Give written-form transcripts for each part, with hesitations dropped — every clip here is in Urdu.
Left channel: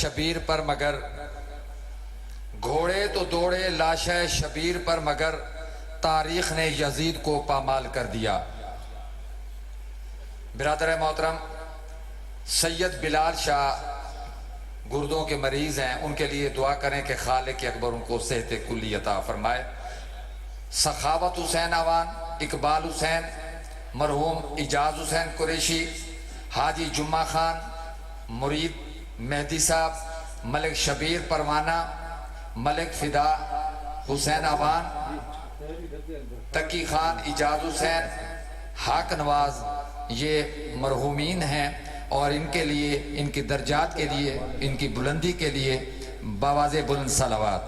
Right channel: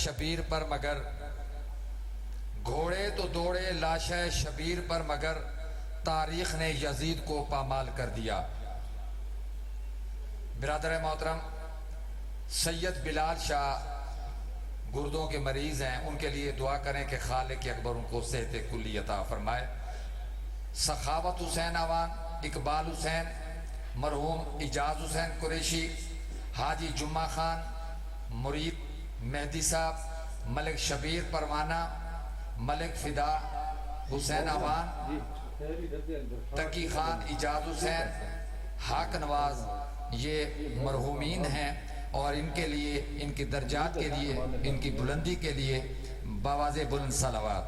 شبیر پر مگر گھوڑے تو دوڑے لاشہ شبیر پر مگر تاریخ نے یزید کو پامال کر دیا۔ برادر محترم، سید بلال شاہ گردوں کے مریض ہیں، ان کے لیے دعا کریں کہ خالق اکبر ان کو صحت کلی عطا فرمائے۔ سخاوت حسین آوان، اقبال حسین، مرحوم اجاز حسین قریشی، حاجی جمعہ خان، مرید مہدی صاحب، ملک شبیر پروانہ، ملک فدا حسین آوان، تقی خان، اجاز حسین، حاق نواز، یہ مرحومین ہیں اور ان کے لیے، ان کی درجات کے لیے، ان کی بلندی کے لیے بآواز بلند صلوات۔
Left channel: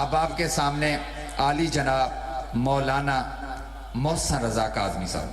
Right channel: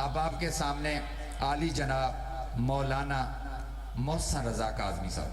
اب آپ کے سامنے عالی جناب مولانا محسن رضا کاظمی صاحب۔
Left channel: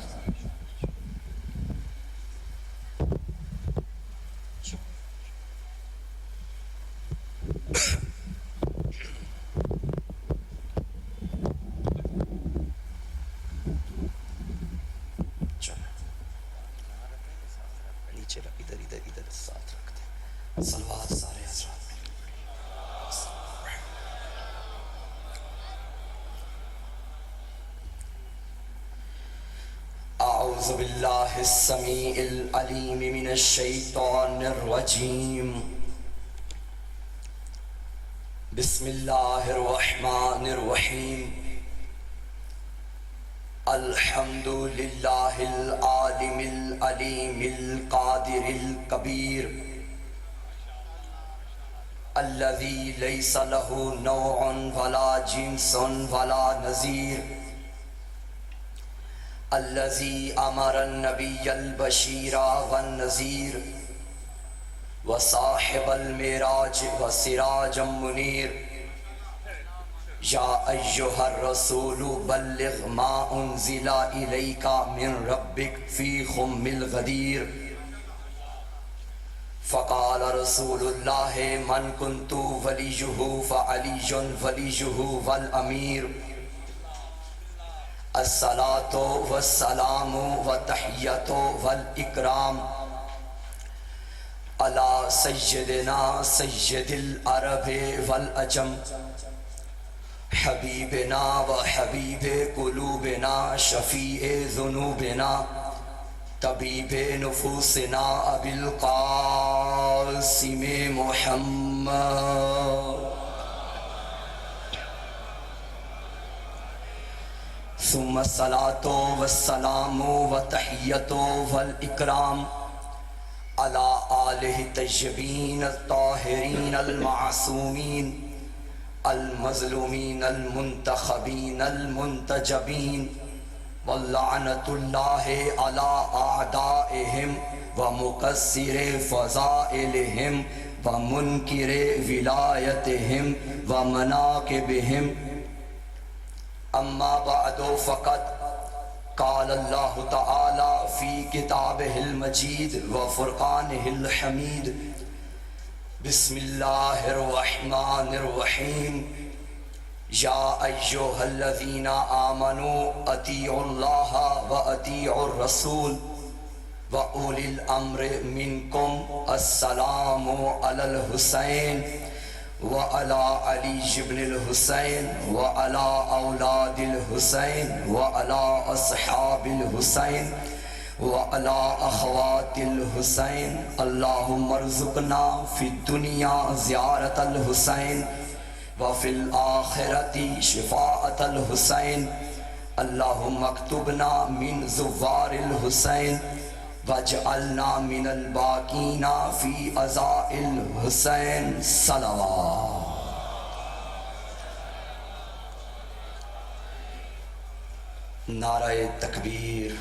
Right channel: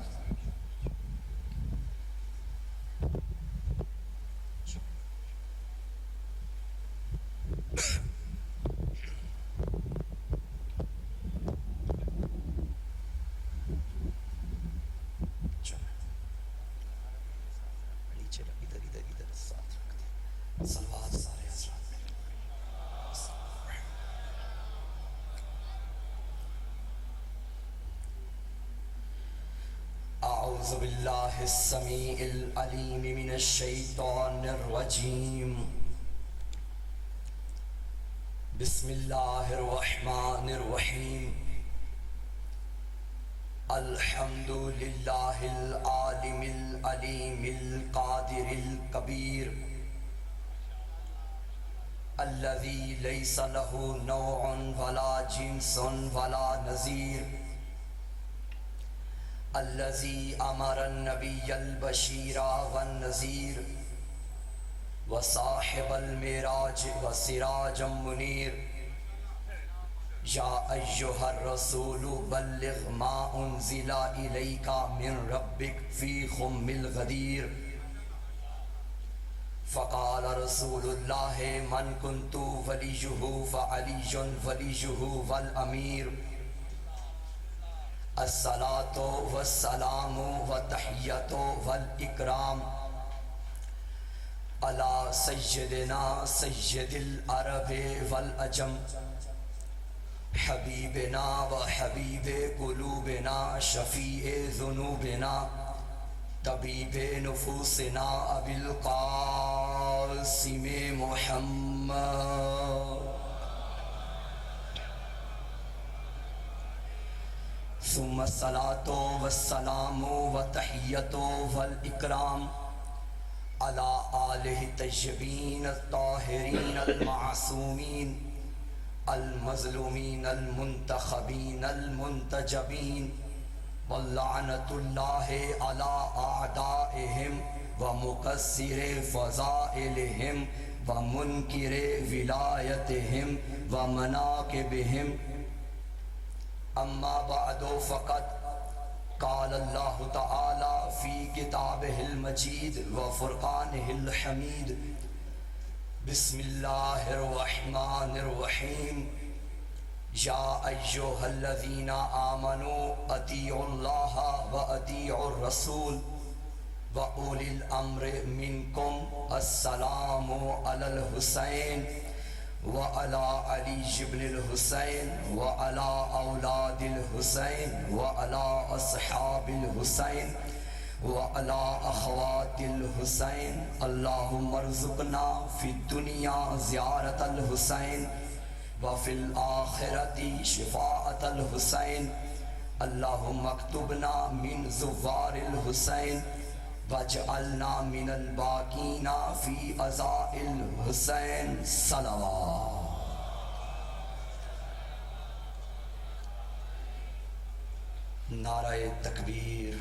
اعوذ باللہ السمیع العلیم من الشیطان الرجیم، بسم اللہ الرحمن الرحیم، الحمد للہ العالم العلیم القادر الکبیر، الذی لیس لہ نوع ولا جنس ولا نظیر، الذي امر النبي البشير والنذير وصاحب المعراج وسراجا منير، يا ايها الرسول بلغ ما انزل اليك من ربك في خم الغدير، فقال رسول الله من كنت وليه فعلي وليه والامير، الصلاة والسلام والتحیۃ والاکرام علی سیدنا سید العرب والعجم، حبیبنا و حبیب قلوبنا شفیع ذنوبنا طبیب نفوسنا ابی القاسم محمد، ثم الصلاة والسلام والتحیۃ والاکرام علی آلہ الطیبین الطاہرین المعصومین المظلومین المنتخبین المنتجبین، واللعنۃ اللہ علی اعدائہم ومقصر فضائلہم ومنکر ولایتہم ومناقبہم، اما بعد فقد قال اللہ تعالی فی کتابہ المجید وفرقانہ الحمید، بسم اللہ الرحمن الرحیم، یا ایہا الذین آمنوا اطیعوا اللہ واطیعوا الرسول واولی الامر منکم، السلام علی الحسین وعلى علي بن الحسين وعلى أولاد الحسين وعلى أصحاب الحسين وعلى أخوات الحسين، اللهم ارزقنا في الدنيا زيارة الحسين وفي الآخرة شفاعة الحسين، اللهم اكتبنا من زوار الحسين واجعلنا من الباقین فی عزاء الحسین صلوات۔ نعرہ تکبیر،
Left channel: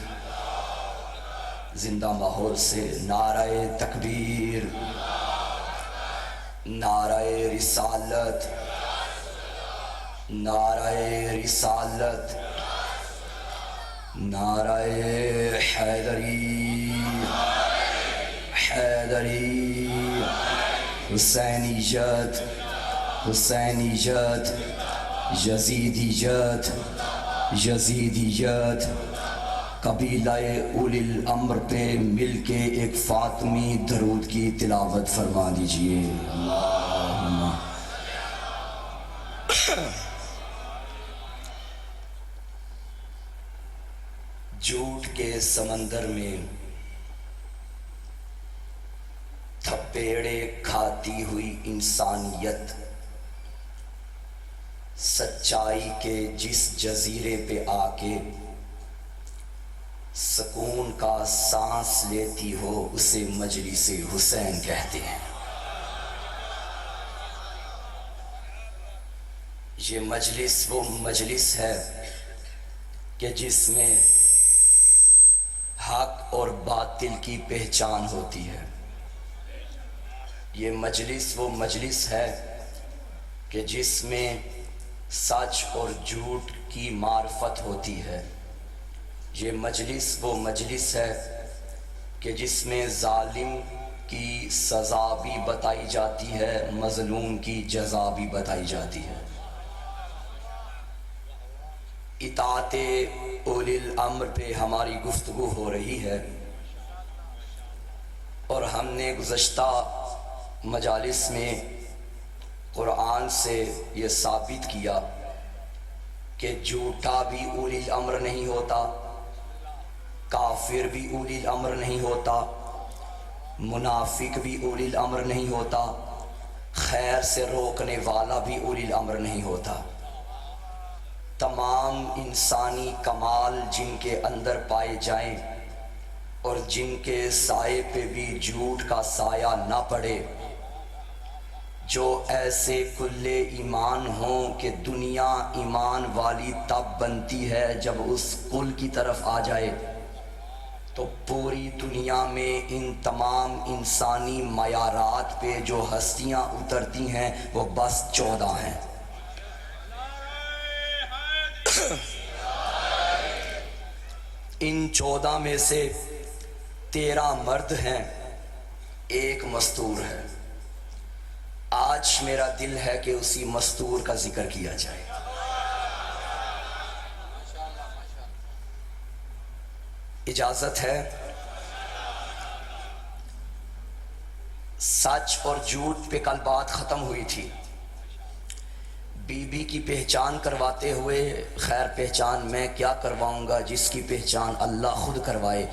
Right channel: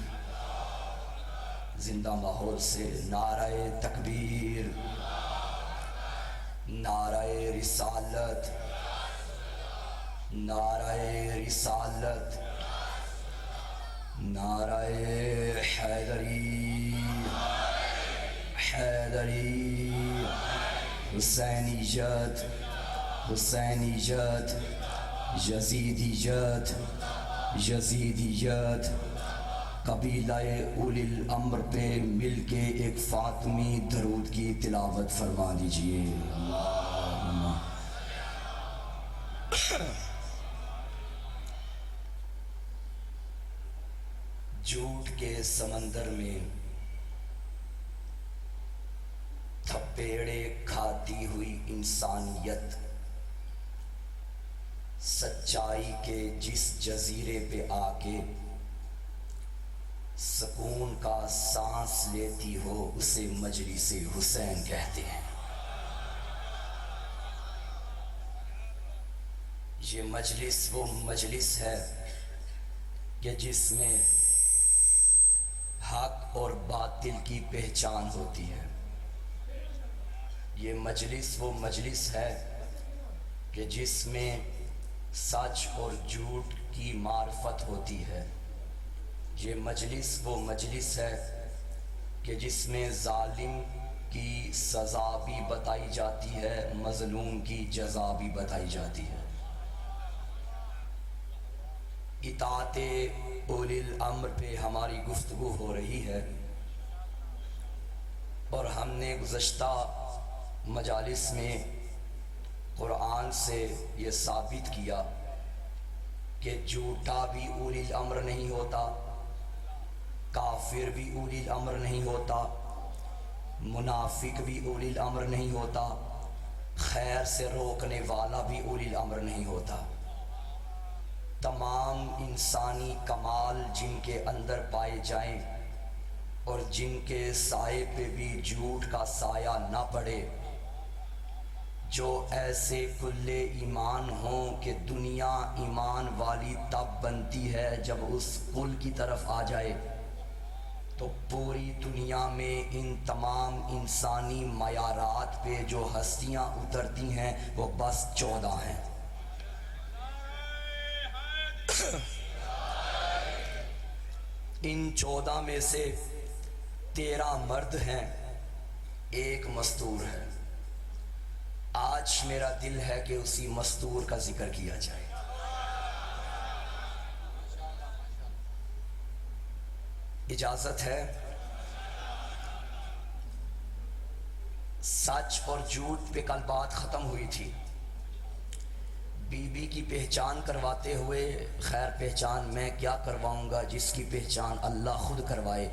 زندہ ماحول سے نعرہ تکبیر، نعرہ رسالت، نعرہ رسالت، نعرہ حیدری، حیدری، حسینیت، حسینیت، یزیدیت، یزیدیت، قبیلہ اولی الامر پہ مل کے ایک فاطمی درود کی تلاوت فرما دیجئے. اللہم جھوٹ کے سمندر میں تھپیڑے کھاتی ہوئی انسانیت سچائی کے جس جزیرے پہ آ کے سکون کا سانس لیتی ہو اسے مجلس حسین کہتے ہیں. یہ مجلس وہ مجلس ہے کہ جس میں حق اور باطل کی پہچان ہوتی ہے. یہ مجلس وہ مجلس ہے کہ جس میں سچ اور جھوٹ کی معرفت ہوتی ہے. یہ مجلس وہ مجلس ہے کہ جس میں ظالم کی سزا بھی بتائی جاتی ہے، مظلوم کی جزا بھی بتائی جاتی ہے. اطاعت اولی الامر پہ ہماری گفتگو ہو رہی ہے اور ہم نے گزشتہ مجالس میں قرآن سے یہ ثابت کیا کہ جھوٹا بھی اولی الامر نہیں ہوتا، کافر بھی اولی الامر نہیں ہوتا، منافق بھی اولی الامر نہیں ہوتا، خیر سے روکنے والا بھی اولی الامر نہیں ہوتا. تمام انسانی کمال جن کے اندر پائے جائیں اور جن کے سائے پہ بھی جھوٹ کا سایہ نہ پڑے، جو ایسے کل ایمان ہوں کہ دنیا ایمان والی تب بنتی ہے جب اس کل کی طرف آ جائے، تو پوری دنیا میں ان تمام انسانی معیارات پہ جو ہستیاں اترتی ہیں وہ بس 14 ہیں. ان 14 میں سے 13 مرد ہیں، ایک مستور ہے. آج میرا دل ہے کہ اسی مستور کا ذکر کیا جائے. اجازت ہے؟ سچ اور جھوٹ پہ کل بات ختم ہوئی تھی. بی بی کی پہچان کرواتے ہوئے، خیر پہچان میں کیا کرواؤں گا، جس کی پہچان اللہ خود کروائے،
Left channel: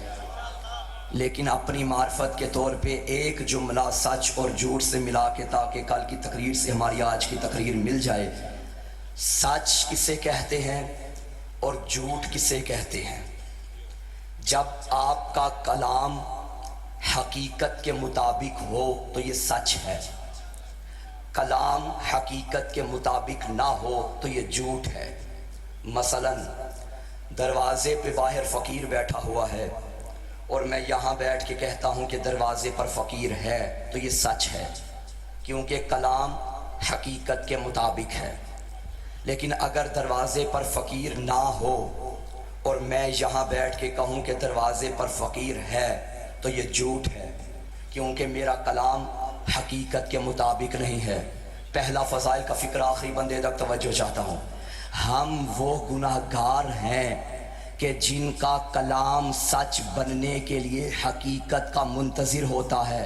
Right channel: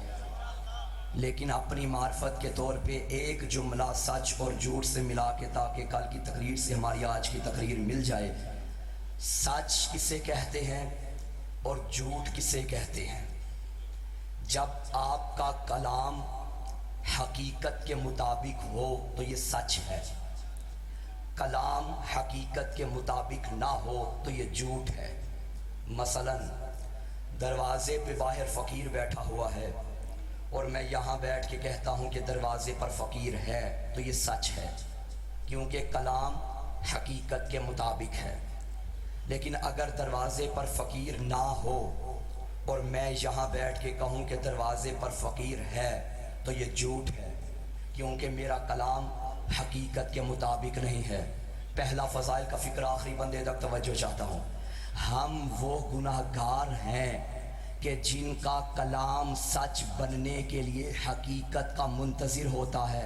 لیکن اپنی معرفت کے طور پہ ایک جملہ سچ اور جھوٹ سے ملا کے تاکہ کل کی تقریر سے ہماری آج کی تقریر مل جائے. سچ کسے کہتے ہیں اور جھوٹ کسے کہتے ہیں؟ جب آپ کا کلام حقیقت کے مطابق ہو تو یہ سچ ہے، کلام حقیقت کے مطابق نہ ہو تو یہ جھوٹ ہے. مثلا دروازے پہ باہر فقیر بیٹھا ہوا ہے اور میں یہاں بیٹھ کے کہتا ہوں کہ دروازے پر فقیر ہے تو یہ سچ ہے، کیونکہ کلام حقیقت کے مطابق ہے. لیکن اگر دروازے پر فقیر نہ ہو اور میں یہاں بیٹھ کے کہوں کہ دروازے پر فقیر ہے تو یہ جھوٹ ہے، کیونکہ میرا کلام حقیقت کے مطابق نہیں ہے. پہلا فضائل کا فکر آخری بندے تک توجہ چاہتا ہوں. ہم وہ گناہگار ہیں کہ جن کا کلام سچ بننے کے لیے حقیقت کا منتظر ہوتا ہے.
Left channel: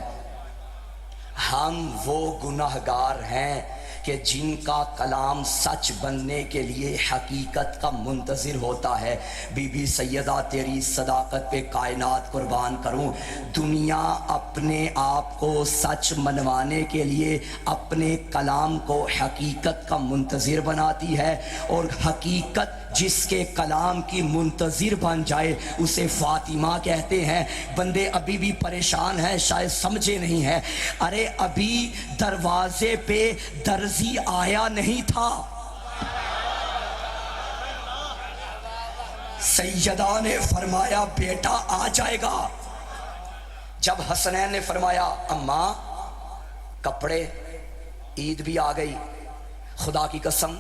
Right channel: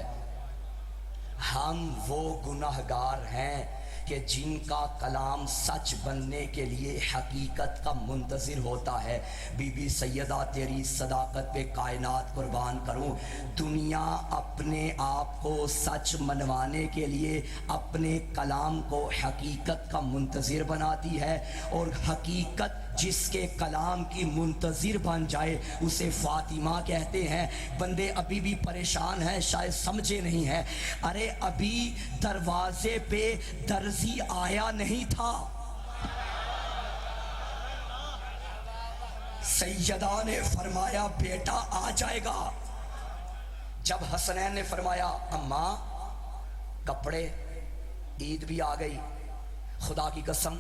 ہم وہ گناہگار ہیں کہ جن کا کلام سچ بننے کے لیے حقیقت کا منتظر ہوتا ہے. بی بی سیدہ تیری صداقت پہ کائنات قربان کروں. دنیا اپنے آپ کو سچ منوانے کے لیے اپنے کلام کو حقیقت کا منتظر بناتی ہے، اور حقیقت جس کے کلام کی منتظر بن جائے اسے فاطمہ کہتے ہیں. بندے ابھی بھی پریشان ہیں، شاید سمجھے نہیں ہیں. ارے ابھی دروازے پہ درزی آیا نہیں تھا، سیدہ نے فرمایا بیٹا آ جائے گا. جب حسنین نے فرمایا اماں کپڑے، عید بھی آ گئی، خدا کی قسم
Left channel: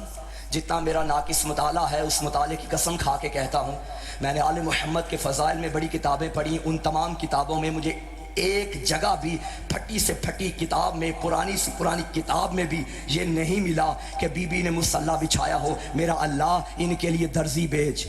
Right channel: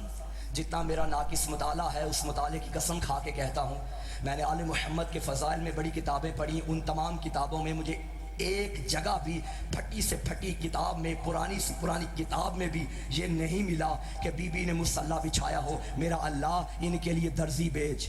جتنا میرا ناقص مطالعہ ہے اس مطالعے کی قسم کھا کے کہتا ہوں، میں نے آل محمد کے فضائل میں بڑی کتابیں پڑھی، ان تمام کتابوں میں مجھے ایک جگہ بھی پھٹی سے پھٹی کتاب میں، پرانی سے پرانی کتاب میں بھی یہ نہیں ملا کہ بی بی نے مصلی بچھایا ہو میرا اللہ ان کے لیے درزی بھیج.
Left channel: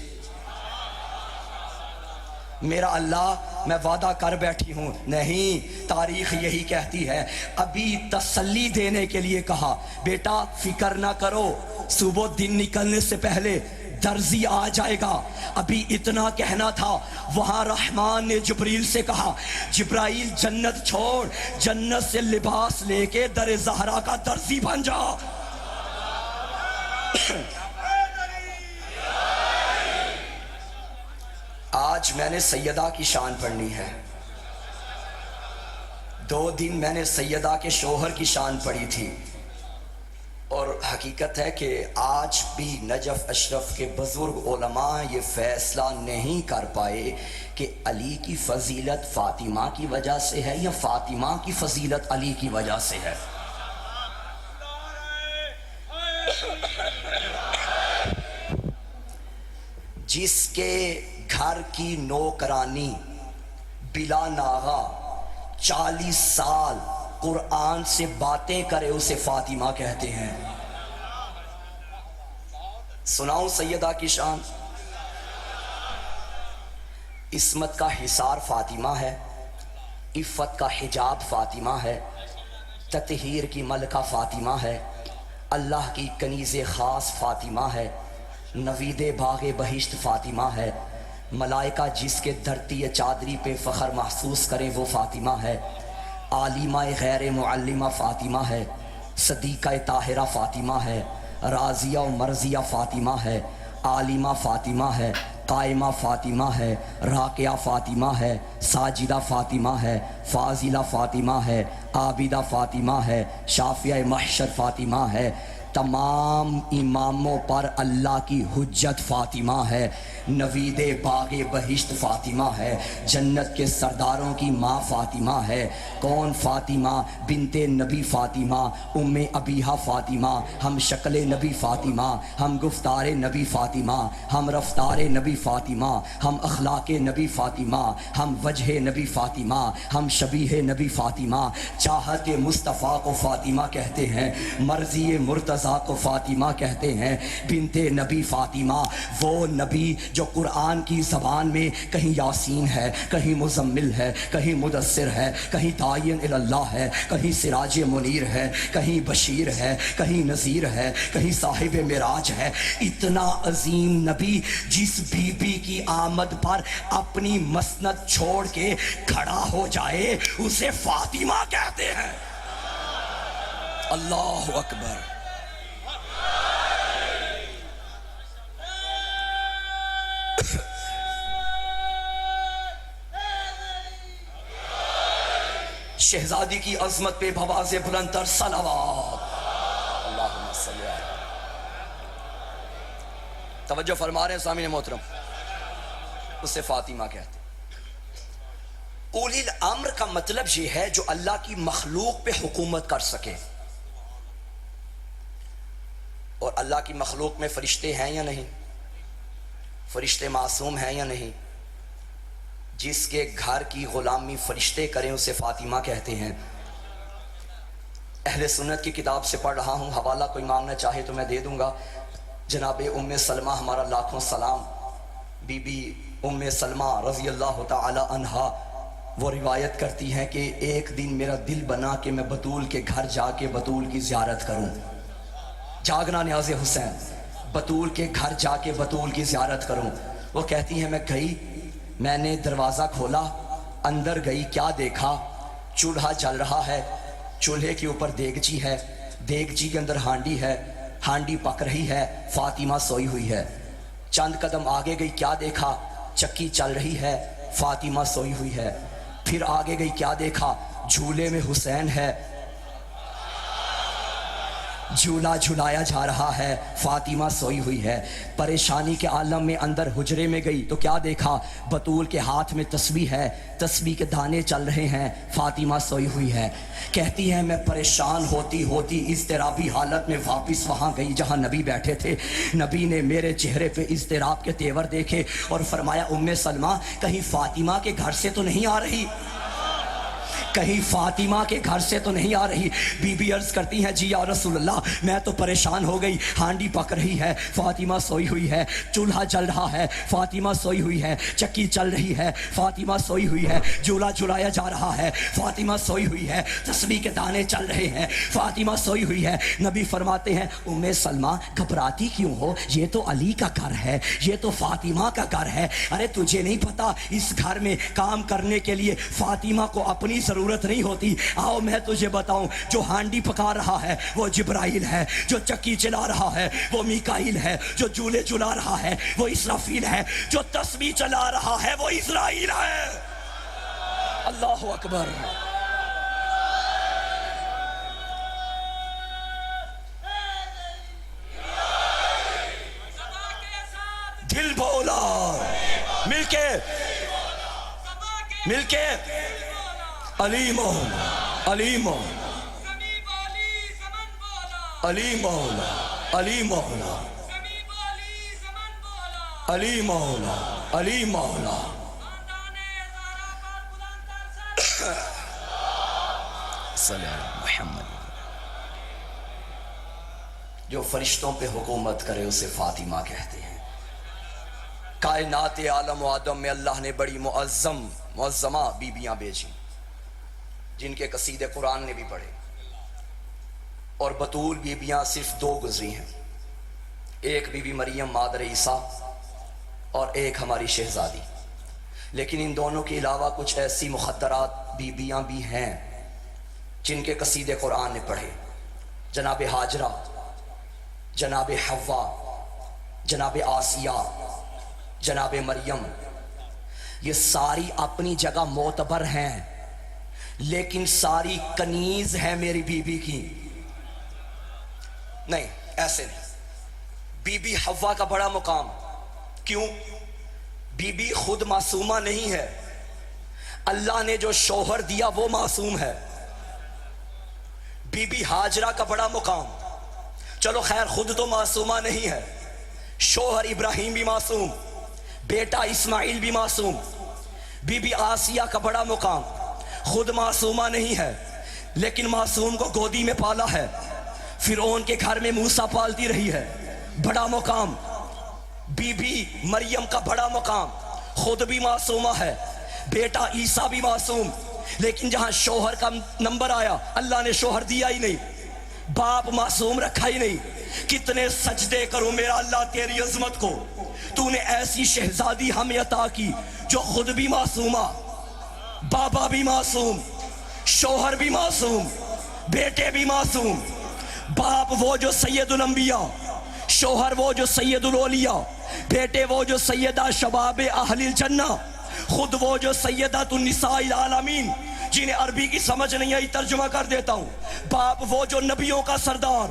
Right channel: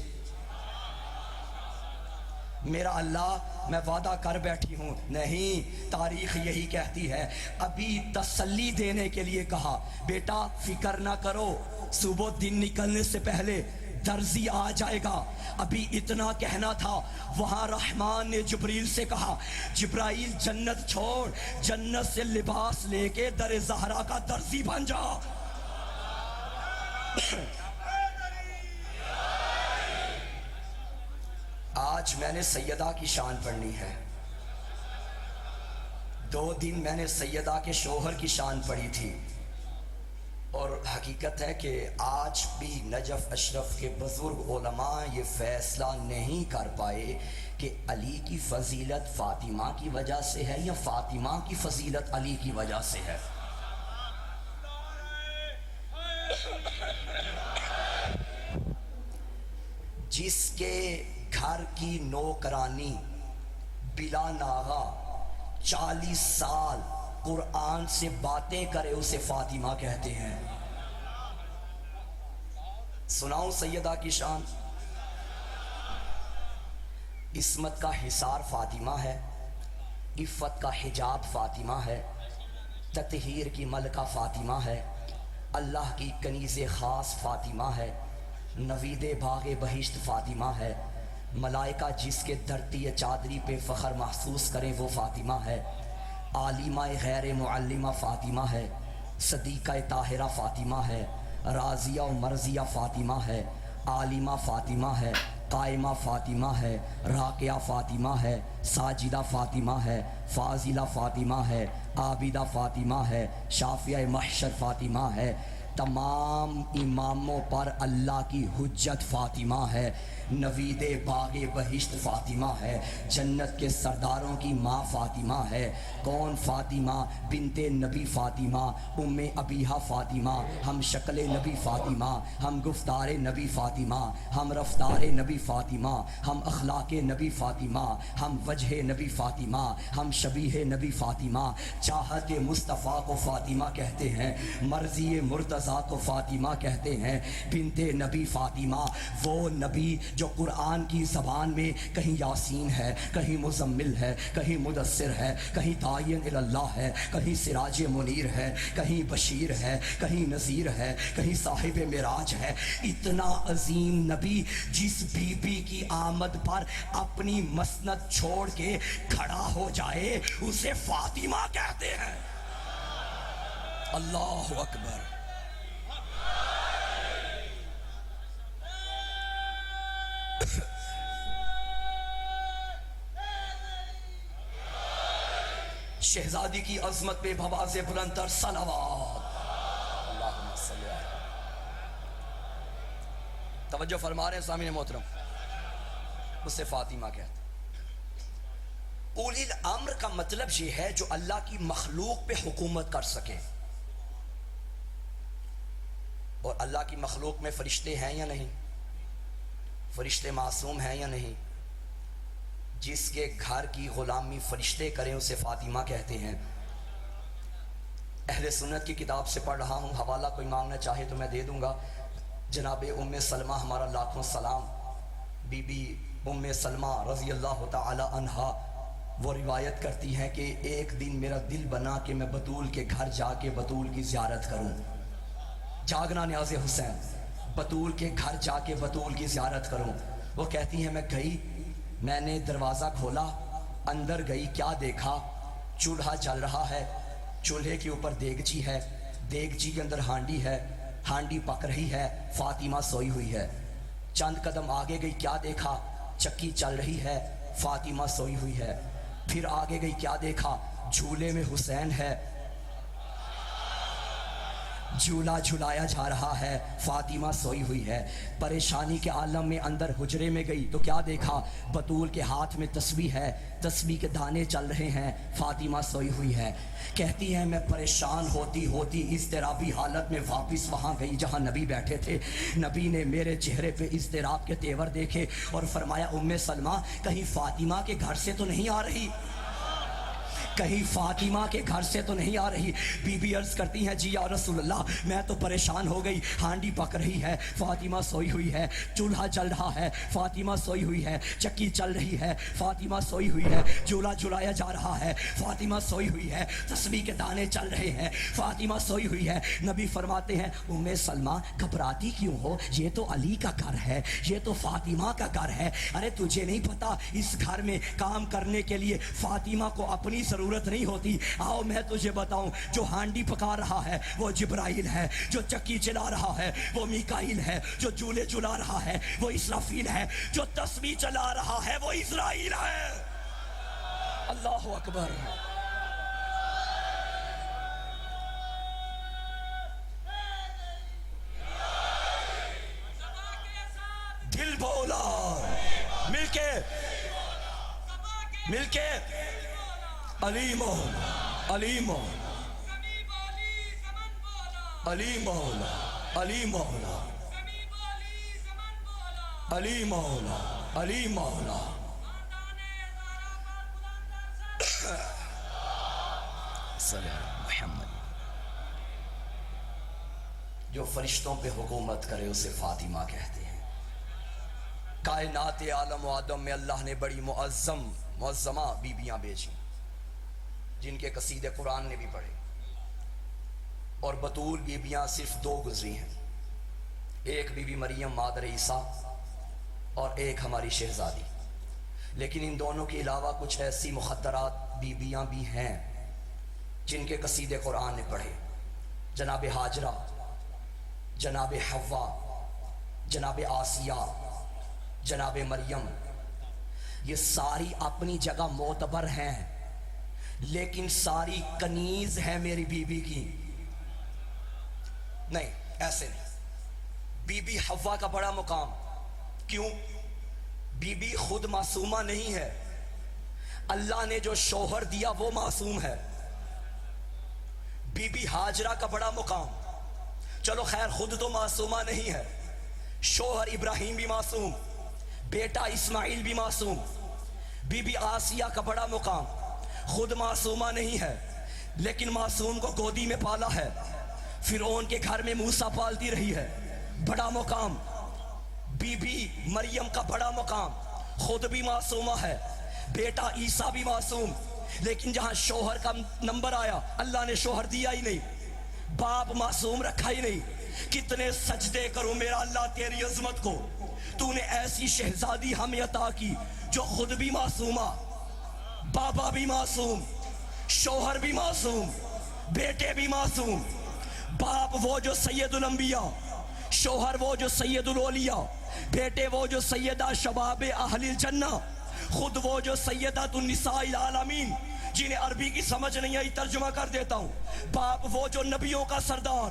میرا اللہ میں وعدہ کر بیٹھی ہوں، نہیں، تاریخ یہی کہتی ہے، ابھی تسلی دینے کے لیے کہا بیٹا فکر نہ کرو، صبح دن نکلنے سے پہلے درزی آ جائے گا، ابھی اتنا کہنا تھا، وہاں رحمان نے جبریل سے کہا جبرائیل جنت چھوڑ، جنت سے لباس لے کے در زہرا کا درزی بن جا۔ آج میں نے سیدہ کی شان پڑھنی ہے، 2 دن میں نے سیدہ کے شوہر کی شان پڑھی تھی، اور حقیقت ہے کہ آج بھی نجف اشرف کے بزرگ علماء یہ فیصلہ نہیں کر پائے کہ علی کی فضیلت فاطمہ کی وجہ سے ہے یا فاطمہ کی فضیلت علی کی وجہ سے ہے۔ جس کے گھر کی نوکرانی بلا ناغا 40 سال قرآن سے باتیں کرے اسے فاطمہ کہتے ہیں۔ سناؤں سیدہ کی شان؟ عصمت کا حصار فاطمہ ہے، عفت کا حجاب فاطمہ ہے، تطہیر کی ملکہ فاطمہ ہے، اللہ کی کنیز خاص فاطمہ ہے، نوید باغ بہشت فاطمہ ہے، ملائکہ جس کے دھرتی چادری پہ فخر محسوس کریں وہ فاطمہ ہے، عالمہ غیر معلمہ فاطمہ ہے، صدیقہ طاہرہ فاطمہ ہے، راضیہ و مرضیہ فاطمہ ہے، عالمہ فاطمہ ہے، قائمہ فاطمہ ہے، راکعہ فاطمہ ہے، ساجدہ فاطمہ ہے، فاضلہ فاطمہ ہے، عابدہ فاطمہ ہے، شافعہ محشر فاطمہ ہے، تمام اماموں پر اللہ کی حجت فاطمہ ہے، نوید باغ بہشت فاطمہ ہے، جنت کے سرداروں کی ماں فاطمہ ہے۔ کون فاطمہ؟ بنت نبی فاطمہ، ام ابیہا فاطمہ، ہم شکل نبی فاطمہ، ہم گفتار نبی فاطمہ، ہم رفتار نبی فاطمہ، ہم اخلاق نبی فاطمہ، ہم وجہ نبی فاطمہ، ہم شبیہ نبی فاطمہ، چاہت مصطفیٰ کو فاطمہ کہتے ہیں، مرضی مرتضیٰ کو فاطمہ کہتے ہیں۔ بنت نبی فاطمہ، وہ نبی جو قرآن کی زبان میں کہیں یاسین ہے، کہیں مزمل ہے، کہیں مدثر ہے، کہیں داعی اللہ ہے، کہیں سراج منیر ہے، کہیں بشیر ہے، کہیں نذیر ہے، کہیں صاحب معراج ہے۔ اتنا عظیم نبی جس بی بی کی آمد پر اپنی مسند چھوڑ کے کھڑا ہو جائے اسے فاطمہ کہتے ہیں۔ اللہ اکبر۔ شہزادی کی عظمت پہ بھواز بلند تر صلوات۔ اللہم صلی اللہ۔ توجہ فرما رہے ہیں سامعین محترم، اسے فاطمہ کہتے ہیں۔ اولی الامر کا مطلب یہ ہے جو اللہ کی مخلوق پہ حکومت کر سکے، اور اللہ کی مخلوق میں فرشتے ہیں یا نہیں؟ فرشتے معصوم ہیں یا نہیں؟ جس کے گھر کی غلامی فرشتے کریں اسے فاطمہ کہتے ہیں۔ اہل سنت کی کتاب سے پڑھ رہا ہوں، حوالہ کوئی مانگنا چاہے تو میں دے دوں گا۔ جناب ام سلمہ، ہمارا لاکھوں سلام، بی بی ام سلمہ رضی اللہ تعالی عنہا، وہ روایت کرتی ہیں کہ ایک دن میرا دل بنا کہ میں بطول کے گھر جا کے بطول کی زیارت کروں۔ جاگنا نیاز حسین، بطول کے گھر جا کے بطول کی زیارت کروں۔ وہ کہتی ہیں میں گئی، میں نے دروازہ کھولا، اندر گئی، کیا دیکھا؟ چولہا جل رہا ہے، چولہے کے اوپر دیگچی ہے، دیگچی کے اندر ہانڈی ہے، ہانڈی پک رہی ہے، فاطمہ سوئی ہوئی ہے۔ چند قدم آگے گئی، کیا دیکھا؟ چکی چل رہی ہے، فاطمہ سوئی ہوئی ہے۔ پھر آگے گئی، کیا دیکھا؟ جھولے میں حسین ہے، جھولا جھلایا جا رہا ہے، فاطمہ سوئی ہوئی ہے۔ پریشانی کے عالم میں اندر حجرے میں گئی تو کیا دیکھا؟ بطول کے ہاتھ میں تسبیح ہے، تسبیح کے دانے چل رہے ہیں، فاطمہ سوئی ہوئی ہے۔ کہتی ہے میں پریشان ہوتی ہوتی اضطرابی حالت میں واپس وہاں گئی جہاں نبی بیٹھے تھے۔ نبی نے میرے چہرے پہ اضطراب کے تیور دیکھے اور فرمایا ام سلمہ کہیں فاطمہ کے گھر سے تو نہیں آ رہی؟ کہیں فاطمہ کے گھر سے تو نہیں آ رہی؟ بی بی عرض کرتی ہیں جی یا رسول اللہ میں تو پریشان ہو گئی، ہانڈی پک رہی ہے، فاطمہ سوئی ہوئی ہے، چولہا جل رہا ہے، فاطمہ سوئی ہوئی ہے، چکی چل رہی ہے، فاطمہ سوئی ہوئی ہے، جھولا جھلایا جا رہا ہے، فاطمہ سوئی ہوئی ہے، تسبیح کے دانے چل رہے ہیں، فاطمہ سوئی ہوئی ہے۔ نبی فرماتے ہیں ام سلمہ گھبراتی کیوں ہو؟ یہ تو علی کا گھر ہے، یہ تو فاطمہ کا گھر ہے۔ ارے تجھے نہیں پتا اس گھر میں کام کرنے کے لیے فاطمہ کو اپنی ضرورت نہیں ہوتی؟ آؤ میں تجھے بتاؤں، جو ہانڈی پکا رہا ہے وہ جبرائیل ہے، جو چکی چلا رہا ہے وہ میکائیل ہے، جو جھولے جھلا رہا ہے وہ اسرافیل ہے، جو تسبیح چلا رہا ہے وہ اسرائیل ہے۔ اللہ اکبر۔ دل بولا مل کے علی مولا، علی مولا، علی مولا، علی مولا، علی مولا، علی مولا۔ صلی اللہ محمد۔ جو فرشتوں پہ حکومت کرے اسے فاطمہ کہتے ہیں۔ کائنات عالم و آدم میں اللہ نے بڑی معظمہ بیبیاں بیچی جن کے قصیدے قرآن نے بھی پڑھے، اور بطول بیبیاں صرف دو گزری ہیں، ایک بی بی مریم مادر عیسیٰ اور ایک ہماری شہزادی۔ لیکن ان دونوں کے علاوہ کچھ ایسی مخدرات بیبیاں بھی ہیں جن کے قصیدے قرآن نے پڑھے، جناب ہاجرہ، جناب حوا، جناب آسیہ، جناب مریم۔ یہ ساری اپنی جگہ معتبر ہیں، لیکن ساری کنیز ہے میری بی بی کی۔ نہیں ایسے نہیں، بی بی حوا کا بڑا مقام۔ کیوں؟ بی بی خود معصومہ نہیں ہے، اللہ نے جو شوہر دیا وہ معصوم ہے۔ بی بی ہاجرہ کا بڑا مقام، چلو خیر خود تو معصومہ نہیں ہے، شوہر ابراہیم بھی معصوم، بیٹا اسماعیل بھی معصوم۔ بی بی آسیہ کا بڑا مقام، خود معصومہ نہیں ہے لیکن معصوم کو گودی میں پالا ہے، فرعون کے گھر میں موسیٰ پالتی رہی ہے، بڑا مقام۔ بی بی مریم کا بڑا مقام، خود بھی معصومہ ہے، بیٹا عیسیٰ بھی معصوم، لیکن جہاں شوہر کا نمبر آیا اللہ نے شوہر دیا ہی نہیں، باپ معصوم رکھا ہی نہیں۔ کتنے سجدے کروں میرا اللہ تیری عظمت کو، تو نے ایسی شہزادی ہمیں عطا کی جو خود بھی معصومہ، بابا بھی معصوم، شوہر بھی معصوم، بیٹے بھی معصوم، باپ وہ جو سید الانبیاء، شوہر وہ جو سید الاولیاء، بیٹے وہ جو سیدہ شباب اہل الجنہ، خود وہ جو سیدۃ النساء العالمین، جنہیں عربی کی سمجھ نہیں آئی ترجمہ کر دیتا ہوں۔ باپ وہ جو نبیوں کا سردار،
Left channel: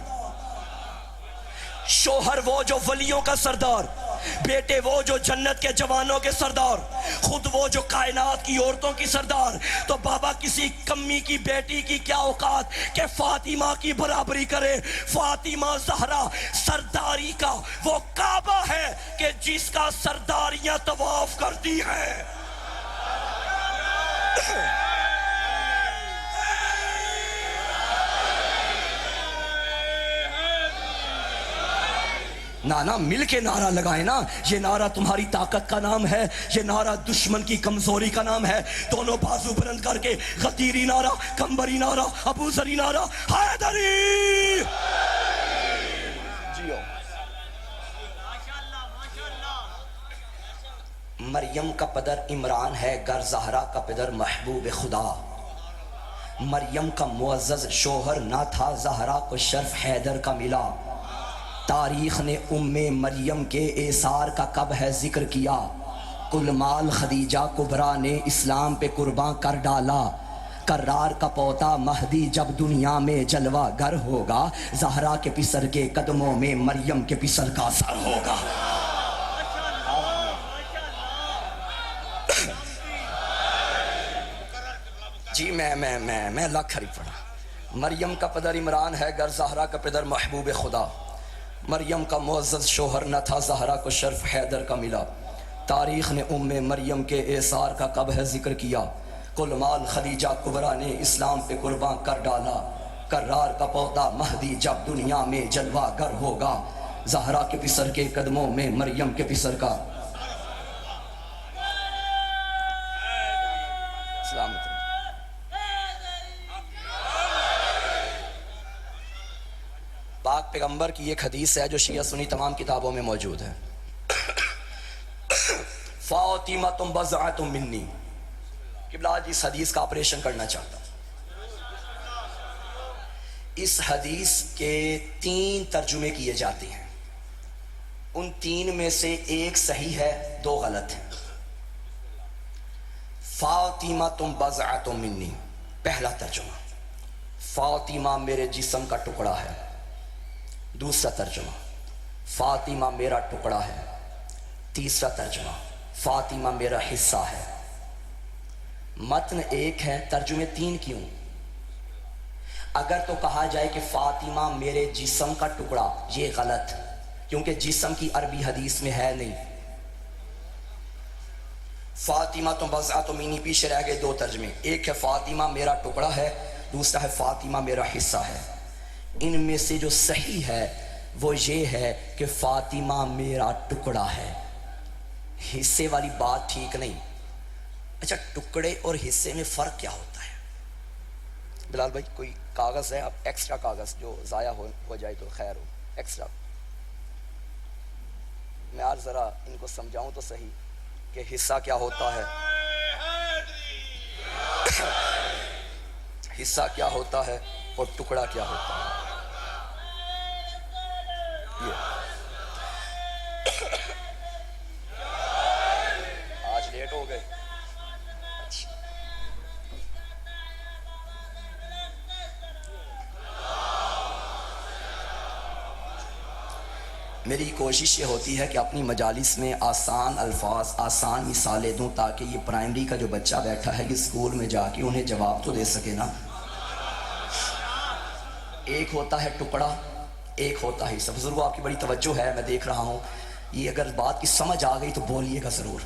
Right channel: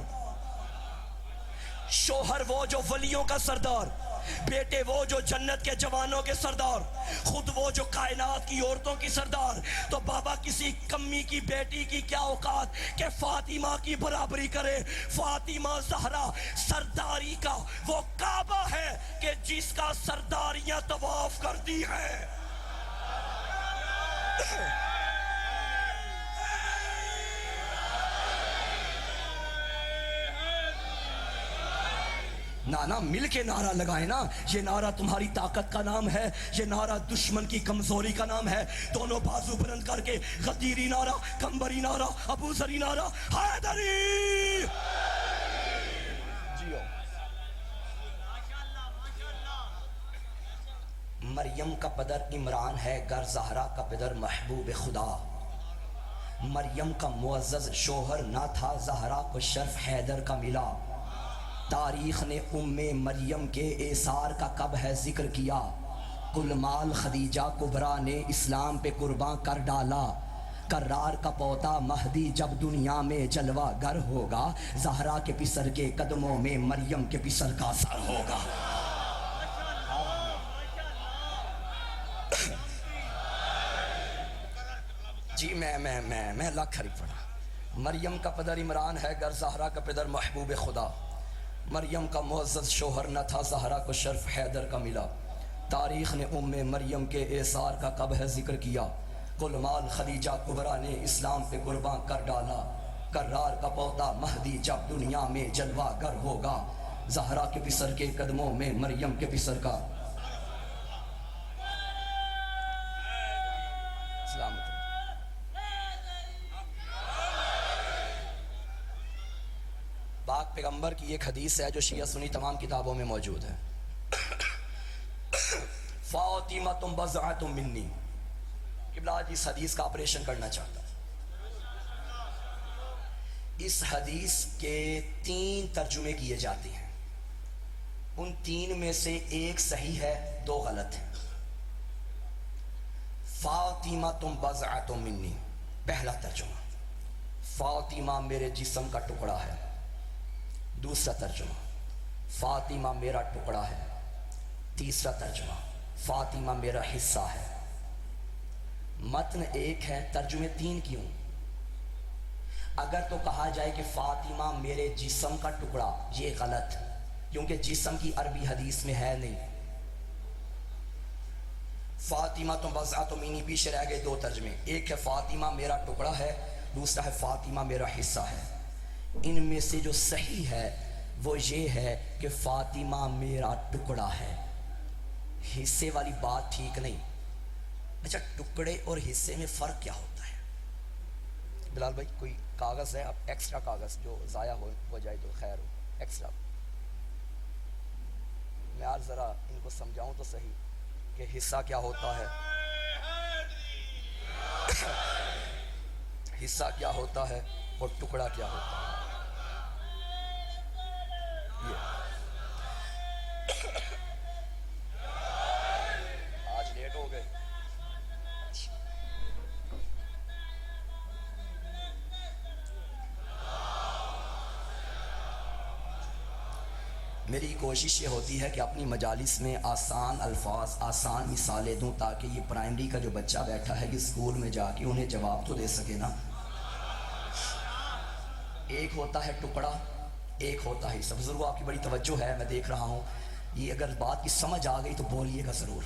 شوہر وہ جو ولیوں کا سردار، بیٹے وہ جو جنت کے جوانوں کے سردار، خود وہ جو کائنات کی عورتوں کی سردار۔ تو بابا کسی کمی کی بیٹی کی کیا اوقات کہ فاطمہ کی برابری کرے؟ فاطمہ زہرا سرداری کا وہ کعبہ ہے کہ جس کا سرداریاں طواف کرتی ہیں۔ نانا مل کے نعرہ لگائے نا، یہ نعرہ تمہاری طاقت کا نام ہے، یہ نعرہ دشمن کی کمزوری کا نام ہے۔ دونوں بازو بلند کر کے غدیری نعرہ، کمبری نعرہ، ابو ذری نعرہ، حیدری۔ مریم کا پدر عمران ہے، گر زہرا کا پدر محبوب خدا۔ مریم کا معزز شوہر نہ تھا، زہرا کو شرف حیدر کا ملا۔ تاریخ نے ام مریم کے ایثار کا کب ہے ذکر کیا؟ کل مال خدیجہ کبریٰ نے اسلام پہ قرباں کر ڈالا۔ کرار کا پوتا مہدی جب دنیا میں جلوہ گر ہوگا، زہرا کے پسر کے قدموں میں مریم کے پسر کا سر ہوگا۔ جی میں لاکھ ہری پڑھا۔ مریم کا پدر عمران ہے، گر زہرا کا پدر محبوب خدا۔ مریم کا معزز شوہر نہ تھا، زہرا کو شرف حیدر کا ملا۔ تاریخ نے ام مریم کے ایثار کا کب ہے ذکر کیا؟ کل مال خدیجہ کبریٰ نے اسلام پہ قربان کر ڈالا، کرار کا پوتا مہدی جب دنیا میں جلوہ گر ہوگا، زہرا کے پسر کے قدموں میں مریم کے پسر کا سلامت۔ پاک پیغمبر کی ایک حدیث ہے جو شیعہ سنی تمام کتابوں میں موجود ہے، فاطمہ بضعۃ منی۔ قبلہ آج اس حدیث کا آپریشن کرنا چاہتا ہوں۔ اس حدیث کے 3 ترجمے کیے جاتے ہیں، ان 3 میں سے ایک صحیح ہے، 2 غلط ہیں۔ فاطمہ بضعۃ منی، پہلا ترجمہ، فاطمہ میرے جسم کا ٹکڑا ہے۔ دوسرا ترجمہ، فاطمہ میرا ٹکڑا ہے۔ تیسرا ترجمہ، فاطمہ میرا حصہ ہے۔ متن ایک ہے، ترجمے 3 کیوں؟ اگر تو کہا جائے کہ فاطمہ میرے جسم کا ٹکڑا، یہ غلط، کیونکہ جسم کی عربی حدیث میں ہے نہیں۔ فاطمہ بضعۃ منی، پیچھے رہ گئے 2 ترجمے، ایک ہے فاطمہ میرا ٹکڑا ہے، دوسرا ہے فاطمہ میرا حصہ ہے۔ ان میں سے جو صحیح ہے وہ یہ ہے کہ فاطمہ میرا ٹکڑا ہے، حصے والی بات ٹھیک نہیں۔ اچھا، ٹکڑے اور حصے میں فرق کیا ہوتا ہے؟ بلال بھائی کوئی کاغذ ہے؟ اب ایکسٹرا کاغذ جو ضائع ہو جائے تو خیر ہو، ایکسٹرا۔ میں آج ذرا ان کو سمجھاؤں تو صحیح کہ حصہ کیا ہوتا ہے، حصہ کیا ہوتا ہے اور ٹکڑا کیا ہوتا ہے۔ آج لیٹ ہو گئے۔ میری کوشش یہ ہوتی ہے کہ اپنی مجالس میں آسان الفاظ، آسان مثالیں دوں، تاکہ یہ پرائمری کا جو بچہ بیٹھا ہے کہ اسکول میں جا کے انہیں جواب تو دے سکے نا۔ ایک ہوتا ہے ٹکڑا، ایک ہوتا ہے حصہ۔ بزرگوں آپ کی بڑی توجہ ہے، میں دیکھ رہا ہوں، یہ اگر بات کی سمجھ آ گئی تو بولیے گا ضرور،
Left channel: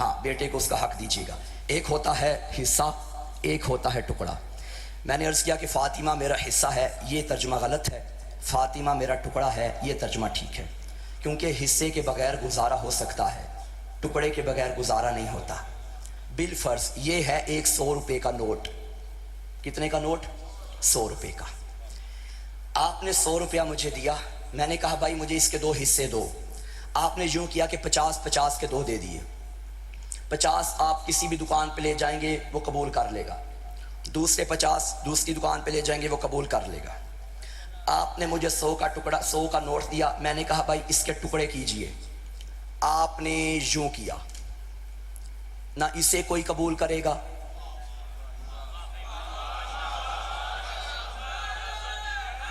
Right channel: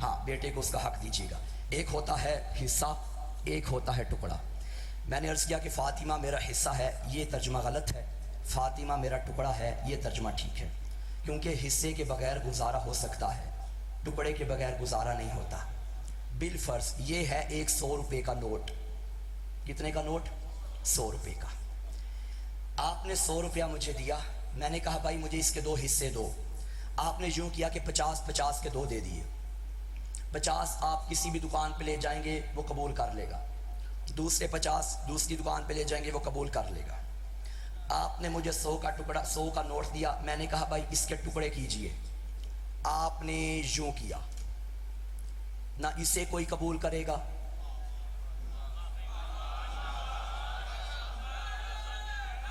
ہاں بیٹے کو اس کا حق دیجیے گا۔ ایک ہوتا ہے حصہ، ایک ہوتا ہے ٹکڑا۔ میں نے عرض کیا کہ فاطمہ میرا حصہ ہے، یہ ترجمہ غلط ہے، فاطمہ میرا ٹکڑا ہے یہ ترجمہ ٹھیک ہے، کیونکہ حصے کے بغیر گزارا ہو سکتا ہے، ٹکڑے کے بغیر گزارا نہیں ہوتا۔ بالفرض یہ ہے ایک 100 روپے کا نوٹ۔ کتنے کا نوٹ؟ 100 روپے کا۔ آپ نے 100 روپیہ مجھے دیا، میں نے کہا بھائی مجھے اس کے 2 حصے دو۔ آپ نے یوں کیا کہ 50-50 کے 2 دے دیے۔ 50 آپ کسی بھی دکان پہ لے جائیں گے وہ قبول کر لے گا، دوسرے 50 دوسری دکان پہ لے جائیں گے وہ قبول کر لے گا۔ آپ نے مجھے 100 کا ٹکڑا، 100 کا نوٹ دیا، میں نے کہا بھائی اس کے ٹکڑے کیجئے۔ آپ نے یوں کیا، نہ اسے کوئی قبول کرے گا،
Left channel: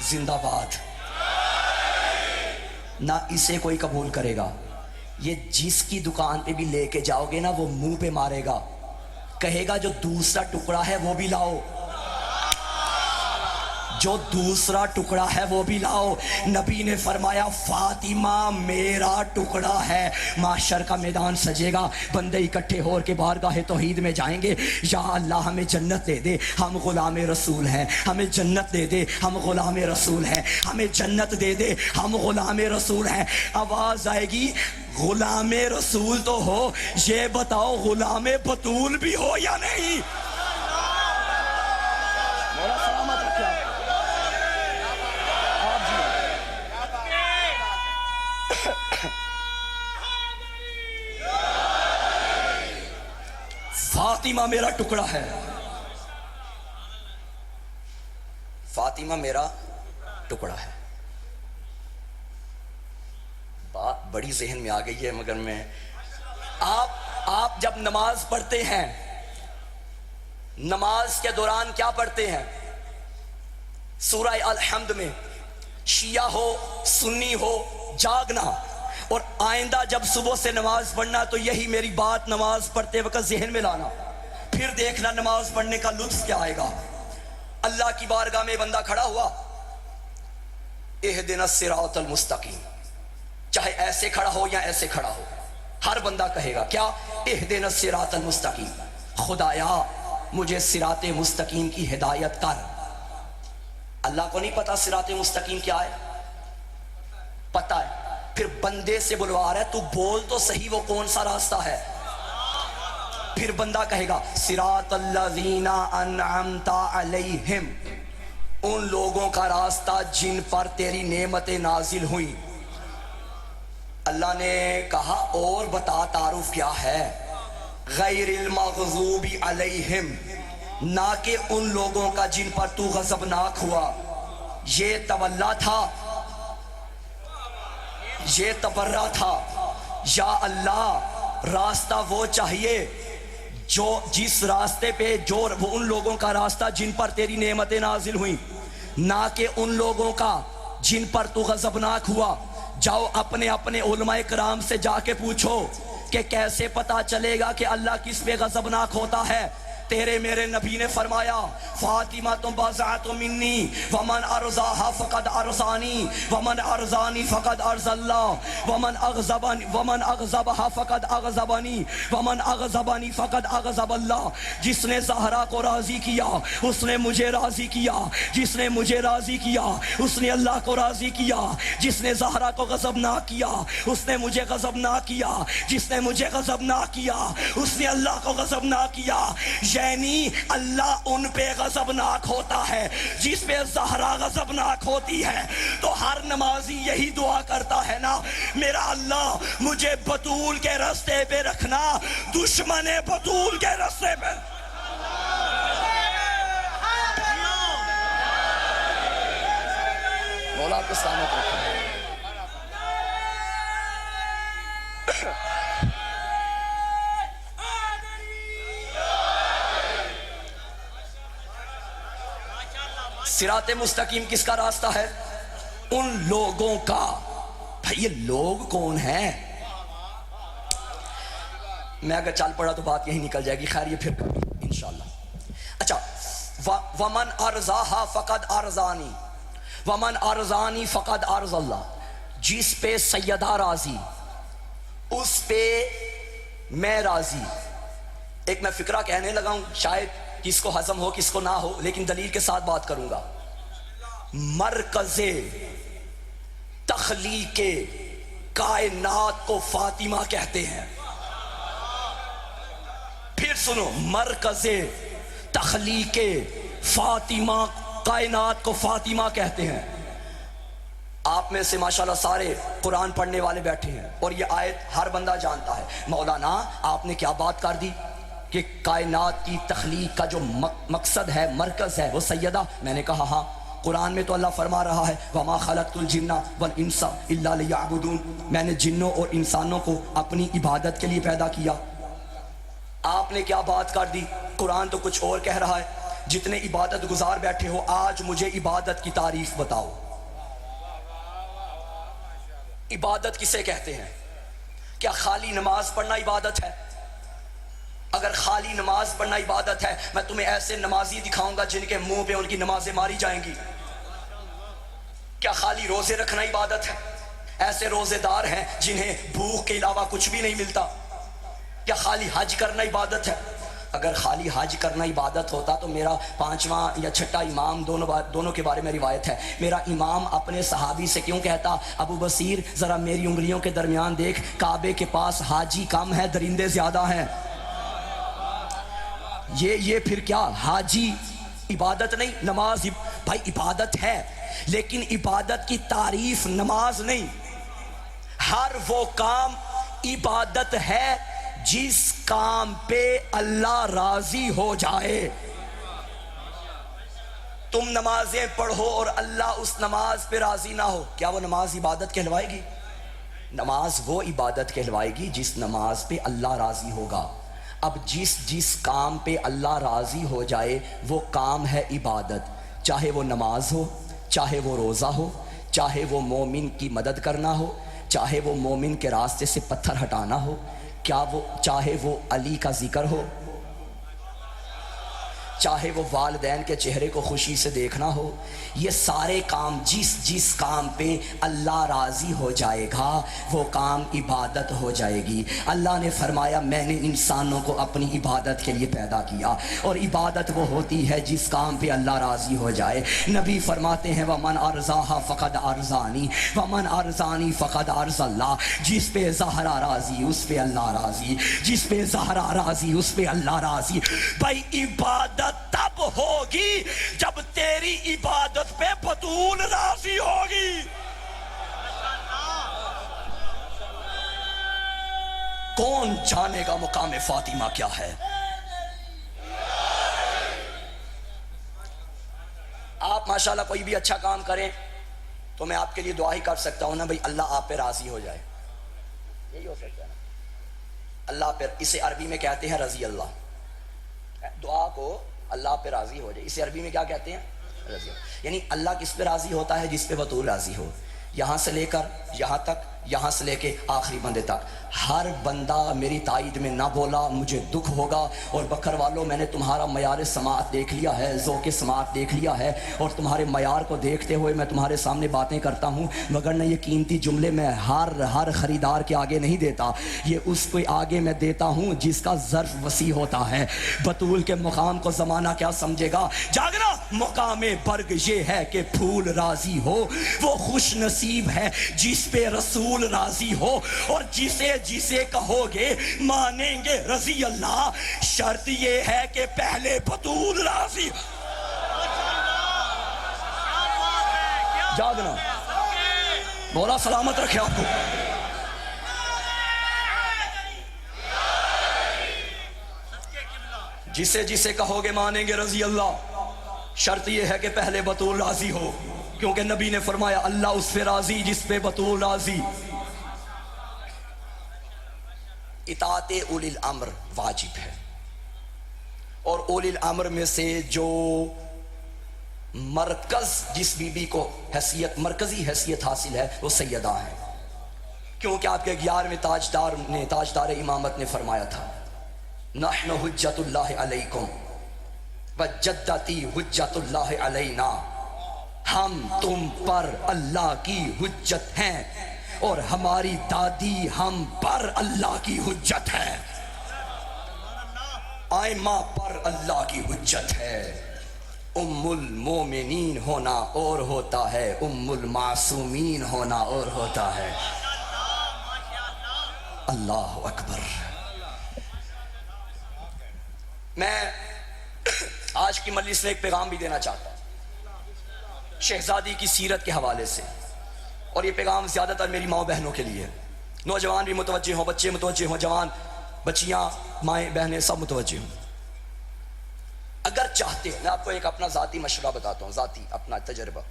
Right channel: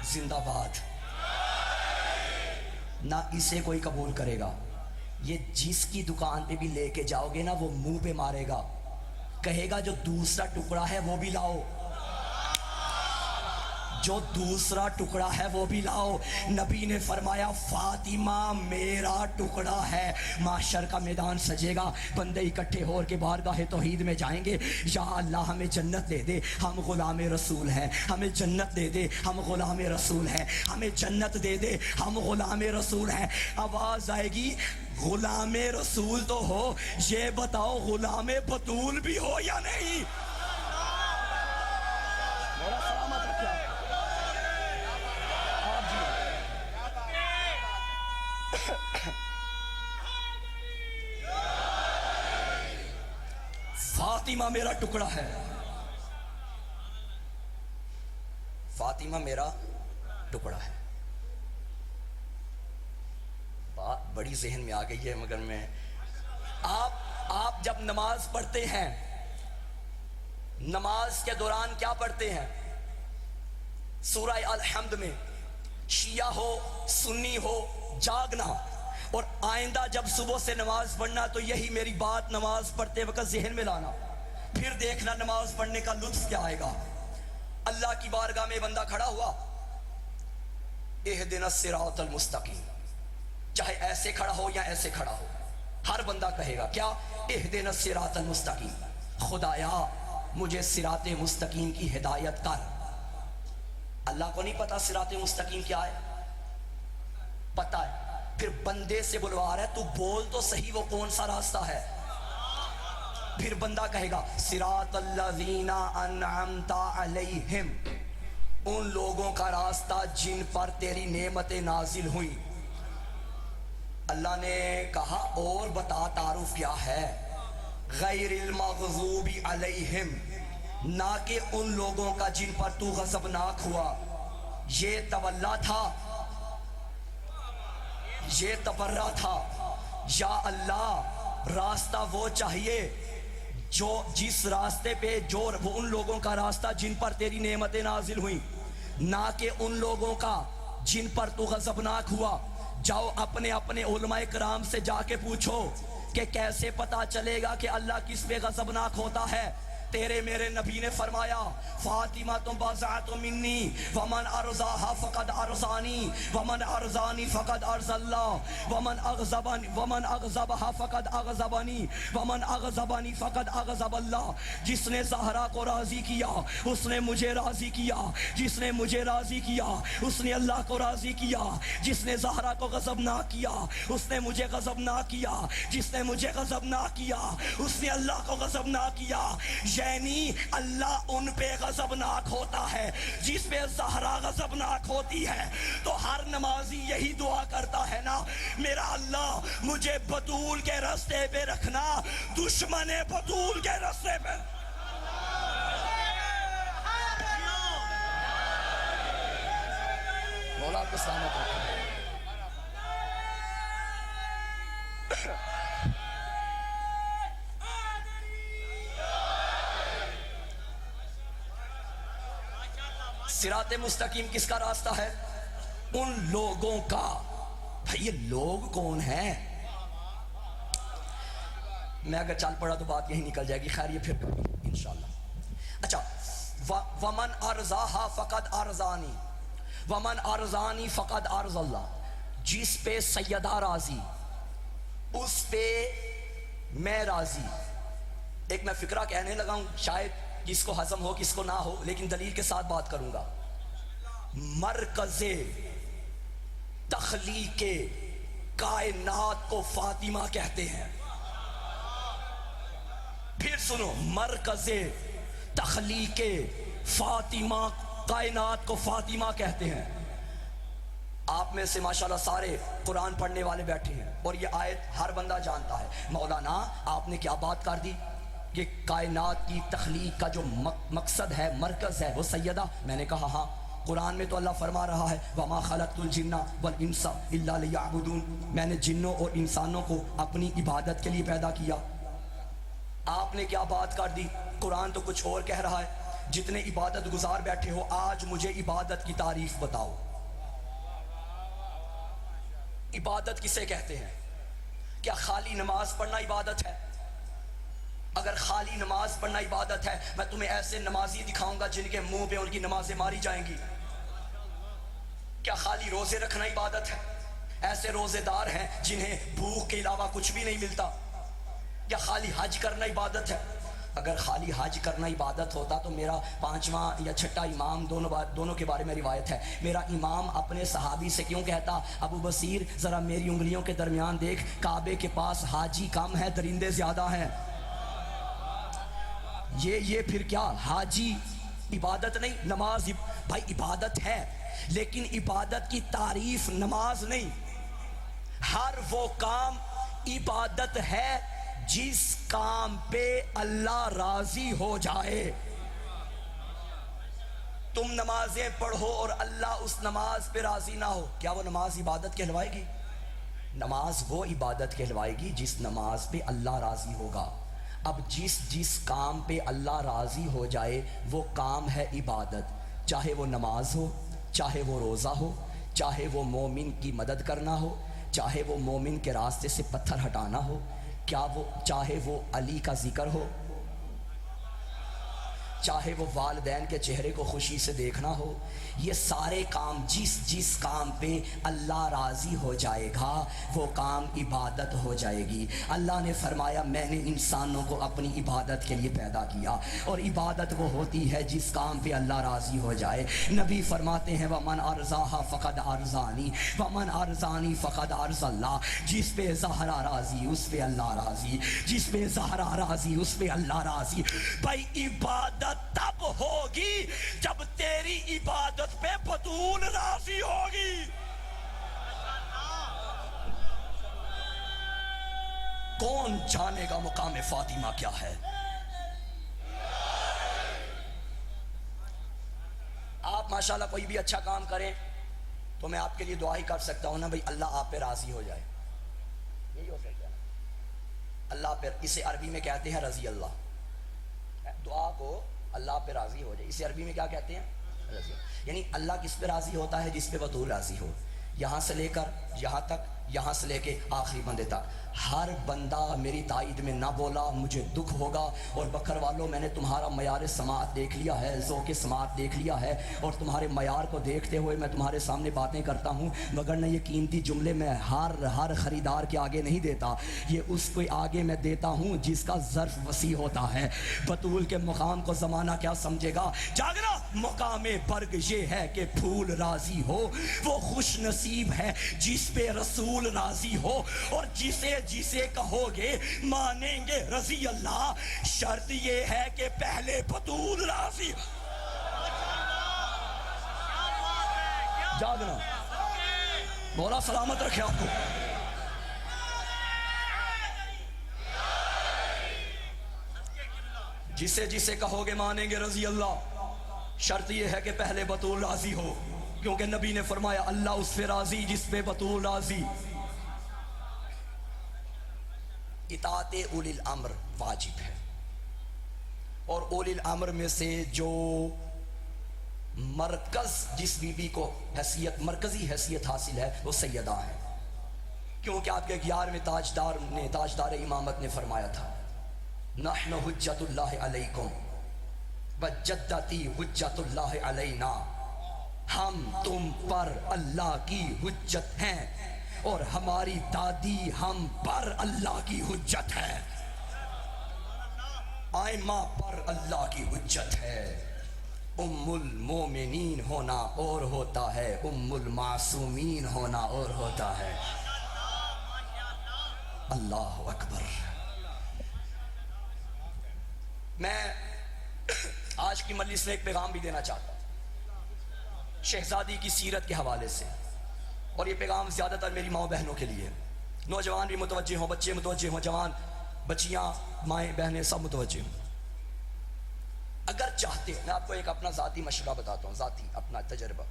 زندہ باد، نہ اسے کوئی قبول کرے گا۔ یہ جس کی دکان پہ بھی لے کے جاؤ گے نا وہ منہ پہ مارے گا، کہے گا جو دوسرا ٹکڑا ہے وہ بھی لاؤ، جو دوسرا ٹکڑا ہے وہ بھی لاؤ۔ نبی نے فرمایا فاطمہ میرا ٹکڑا ہے۔ محشر کا میدان سجے گا، بندے اکٹھے ہو کے بارگاہ توحید میں جائیں گے، یا اللہ ہمیں جنت دے دے، ہم غلام رسول ہیں، ہمیں جنت دے دے، ہم غلام رسول ہیں، ہمیں جنت دے دے، ہم غلام رسول ہیں۔ آواز آئے گی غلام رسول تو ہو، یہ بتاؤ غلام بطول بھی ہو یا نہیں؟ فاطمہ میرا ٹکڑا ہے، فاطمہ میرا ٹکڑا ہے۔ بات بڑی ذہن میں آ گئی ہے، مگر میں آپ جب نماز پڑھتے ہیں، نماز کے دوران کیا پڑھتے ہیں؟ سورہ الحمد میں شیعہ ہو سنی ہو جاگنا، اور آئندہ جب صبح سے نماز پڑھنا تو یہی میری بات نماز پڑھتے وقت ذہن میں لانا، پھر دیکھنا نماز پڑھنے کا لطف کیا آئے گا۔ اللہ کی بارگاہ میں بندہ کھڑا ہوا، اہدنا الصراط المستقیم، چاہے ایسے کھڑا ہو یا ایسے کھڑا ہو، ہر بندہ کہے گا کیا؟ اہدنا الصراط المستقیم۔ خدایا مجھے صراط مستقیم کی ہدایت کر۔ اللہ کو نہیں پتا صراط مستقیم کیا ہے؟ پتا ہے، پھر بندے سے بلوا رہا ہے تو بول تو صحیح وہ کون سا راستہ ہے۔ پھر بندہ کہے گا صراط الذین انعمت علیہم، ان لوگوں کا راستہ جن پر تیری نعمتیں نازل ہوئیں۔ اللہ نے کہا اور بتا تعارف کیا ہے؟ غیر المغضوب علیہم، نہ کہ ان لوگوں کا جن پر تو غضبناک ہوا۔ یہ تولا تھا، یہ تبرہ تھا۔ یا اللہ راستہ وہ چاہیے جو جس راستے پہ جو وہ ان لوگوں کا راستہ جن پر تیری نعمتیں نازل ہوئیں، نہ کہ ان لوگوں کا جن پر تو غضبناک ہوا۔ جاؤ اپنے اپنے علماء کرام سے جا کے پوچھو کہ کیسے پتا چلے گا کہ اللہ کس پہ غضبناک ہوتا ہے۔ تیرے میرے نبی نے فرمایا فاطمہ تم بضعۃ منی ومن ارضاها فقد ارضانی ومن ارضانی فقد ارض اللہ ومن اغضبها فقد اغضبنی ومن اغضبنی فقد اغضب اللہ۔ جس نے زہرا کو راضی کیا اس نے مجھے راضی کیا، جس نے مجھے راضی کیا اس نے اللہ کو راضی کیا، جس نے زہرا کو غضب نہ کیا اس نے مجھے غضب نہ کیا، جس نے مجھے غضب نہ کیا اس نے اللہ کو غضب نہ کیا۔ یعنی اللہ ان پہ غضبناک ہوتا ہے جس پہ زہرا غضبناک ہوتی ہے۔ تو ہر نمازی یہی دعا کرتا ہے نا، میرا اللہ مجھے بطول کے راستے پہ رکھنا، دشمن بطول کے راستے پہ۔ مولا کو سلامت رکھنا۔ صراط مستقیم کس کا راستہ ہے؟ ان لوگوں کا۔ بھائی یہ لوگ کون ہیں؟ میں اگر چل پڑا تو بات یہی نکل جائے گی، خیر یہ پھر کبھی انشاءاللہ۔ اچھا، ومن ارضاہا فقد ارضانی ومن ارضانی فقد ارض اللہ، جس پہ سیدہ راضی اس پہ میں راضی۔ ایک میں فکرہ کہنے لگا ہوں، شاید کس کو ہضم ہو کس کو نہ ہو، لیکن دلیل کے ساتھ بات کروں گا۔ مرکز تخلیق کائنات کو فاطمہ کہتے ہیں۔ پھر سنو، مرکز تخلیق فاطمہ کائنات کو فاطمہ کہتے ہیں۔ آپ میں سے ماشاءاللہ سارے قرآن پڑھنے والے بیٹھے ہیں اور یہ آیت ہر بندہ جانتا ہے۔ مولانا آپ نے کیا بات کر دی کہ کائنات کی تخلیق کا جو مقصد ہے، مرکز ہے، وہ سیدہ۔ میں نے کہا ہاں، قرآن میں تو اللہ فرما رہا ہے وَمَا خَلَقْتُ الْجِنَّ وَالْإِنسَ إِلَّا لِيَعْبُدُونَ، میں نے جنوں اور انسانوں کو اپنی عبادت کے لیے پیدا کیا۔ آپ نے کیا بات کر دی؟ قرآن تو کچھ اور کہہ رہا ہے۔ جتنے عبادت گزار بیٹھے ہو، آج مجھے عبادت کی تعریف بتاؤ۔ عبادت کسے کہتے ہیں؟ کیا خالی نماز پڑھنا عبادت ہے؟ اگر خالی نماز پڑھنا عبادت ہے، میں تمہیں ایسے نمازی دکھاؤں گا جن کے منہ پہ ان کی نمازیں ماری جائیں گی۔ کیا خالی روزے رکھنا عبادت ہے؟ ایسے روزے دار ہیں جنہیں بھوک کے علاوہ کچھ بھی نہیں ملتا۔ کیا خالی حج کرنا عبادت ہے؟ اگر خالی حج کرنا عبادت ہوتا تو میرا پانچواں یا چھٹا امام دونوں کے بارے میں روایت ہے، میرا امام اپنے صحابی سے کیوں کہتا ابو بصیر ذرا میری انگلیوں کے درمیان دیکھ، کعبے کے پاس حاجی کم ہے درندے زیادہ ہیں۔ یہ پھر کیا حاجی عبادت نہیں؟ نماز بھائی عبادت ہے، لیکن عبادت کی تعریف نماز نہیں۔ ہر وہ کام عبادت ہے جس کام پہ اللہ راضی ہو جائے۔ تم نمازیں پڑھو اور اللہ اس نماز پہ راضی نہ ہو، کیا وہ نماز عبادت کہلوائے گی؟ نماز وہ عبادت کہلوائے گی جس نماز پہ اللہ راضی ہوگا۔ اب جس کام پہ اللہ راضی ہو جائے وہ کام ہے عبادت، چاہے وہ نماز ہو، چاہے وہ روزہ ہو، چاہے وہ مومن کی مدد کرنا ہو، چاہے وہ مومن کے راستے سے پتھر ہٹانا ہو، چاہے وہ علی کا ذکر ہو، چاہے وہ والدین کے چہرے کو خوشی سے دیکھنا ہو، یہ سارے کام جس کام پہ اللہ راضی ہو جائے گا وہ کام عبادت ہو جائے گی۔ اللہ نے فرمایا میں نے انسانوں کو اپنی عبادت کے لیے پیدا کیا، اور عبادت وہ ہوتی ہے جس کام پہ اللہ راضی ہو جائے۔ نبی فرماتے ہیں وَمَنْ أَرْضَاهَا فَقَدْ أَرْضَانِي وَمَنْ أَرْضَانِي فَقَدْ أَرْضَ اللَّهِ۔ جس پہ زہرا راضی اس پہ اللہ راضی، جس پہ زہرا راضی اس پہ اللہ راضی۔ بھائی عبادت تب ہوگی جب تیری عبادت پہ بطول راضی ہوگی۔ کون جانے گا مقام فاطمہ کیا ہے؟ آپ ماشاءاللہ کوئی بھی اچھا کام کریں تو میں آپ کے لیے دعا ہی کر سکتا ہوں نا بھئی اللہ آپ پہ راضی ہو جائے، یہی ہو سکتا ہے اللہ پہ۔ اسے عربی میں کہتے ہیں رضی اللہ، دعا کو اللہ پہ راضی ہو جائے، اسے عربی میں کیا کہتے ہیں؟ رضی اللہ۔ یعنی اللہ کس پہ راضی ہوتا ہے؟ جس پہ بطول راضی ہو۔ یہاں سے لے کر یہاں تک، یہاں سے لے کے آخری بندے تک، ہر بندہ میری تائید میں نہ بولا مجھے دکھ ہوگا۔ اور بکر والوں میں نے تمہارا معیار سماعت دیکھ لیا ہے، ذوق سماعت دیکھ لیا ہے، اور تمہارے معیار کو دیکھتے ہوئے میں تمہارے سامنے باتیں کرتا ہوں، مگر نہ یہ قیمتی جملے میں ہر خریدار کے آگے نہیں دیتا، یہ اس کے آگے میں دیتا ہوں جس کا ظرف وسیع ہوتا ہے۔ بطول کے مقام کو زمانہ کیا سمجھے گا؟ جاگنا مقام برگ یہ ہے کہ پھول راضی ہو، وہ خوش نصیب ہے جس پہ رسول راضی ہو، اور جسے کہو گے مانیں گے رضی اللہ، شرط یہ ہے کہ پہلے بطول راضی ہو۔ جاگنا مولا سلامت رکھے آپ کو۔ جسے کہو گے مانیں گے رضی اللہ، شرط یہ ہے کہ پہلے بطول راضی ہو، کیونکہ نبی نے فرمایا اللہ اس پہ راضی جس پہ بطول راضی۔ اطاعت اولی الامر واجب ہے، اور اولی الامر میں سے جو مرکز جس بی بی کو مرکزی حیثیت حاصل ہے وہ سیدہ ہے، کیونکہ آپ کے 11ویں تاجدار امامت نے فرمایا تھا نحن حجت اللہ علیکم وجدتی حجت اللہ علینا، ہم تم پر اللہ کی حجت ہیں اور ہماری دادی ہم پر اللہ کی حجت ہے، آئمہ پر اللہ کی حجت ہے۔ ام المومنین ہونا اور ہوتا ہے، ام المعصومین ہونا اور ہوتا ہے۔ اللہ اکبر۔ میں آج کی مجلس میں ایک پیغام بھی دینا چاہتا ہوں شہزادی کی سیرت کے حوالے سے، اور یہ پیغام زیادہ تر میری ماں بہنوں کے لیے، نوجوان بھی متوجہ ہوں، بچے متوجہ ہوں، جوان بچیاں مائیں بہنیں سب متوجہ ہوں۔ اگر چاہتے ہیں، میں آپ کو ایک اپنا ذاتی مشورہ بتاتا ہوں، ذاتی اپنا تجربہ،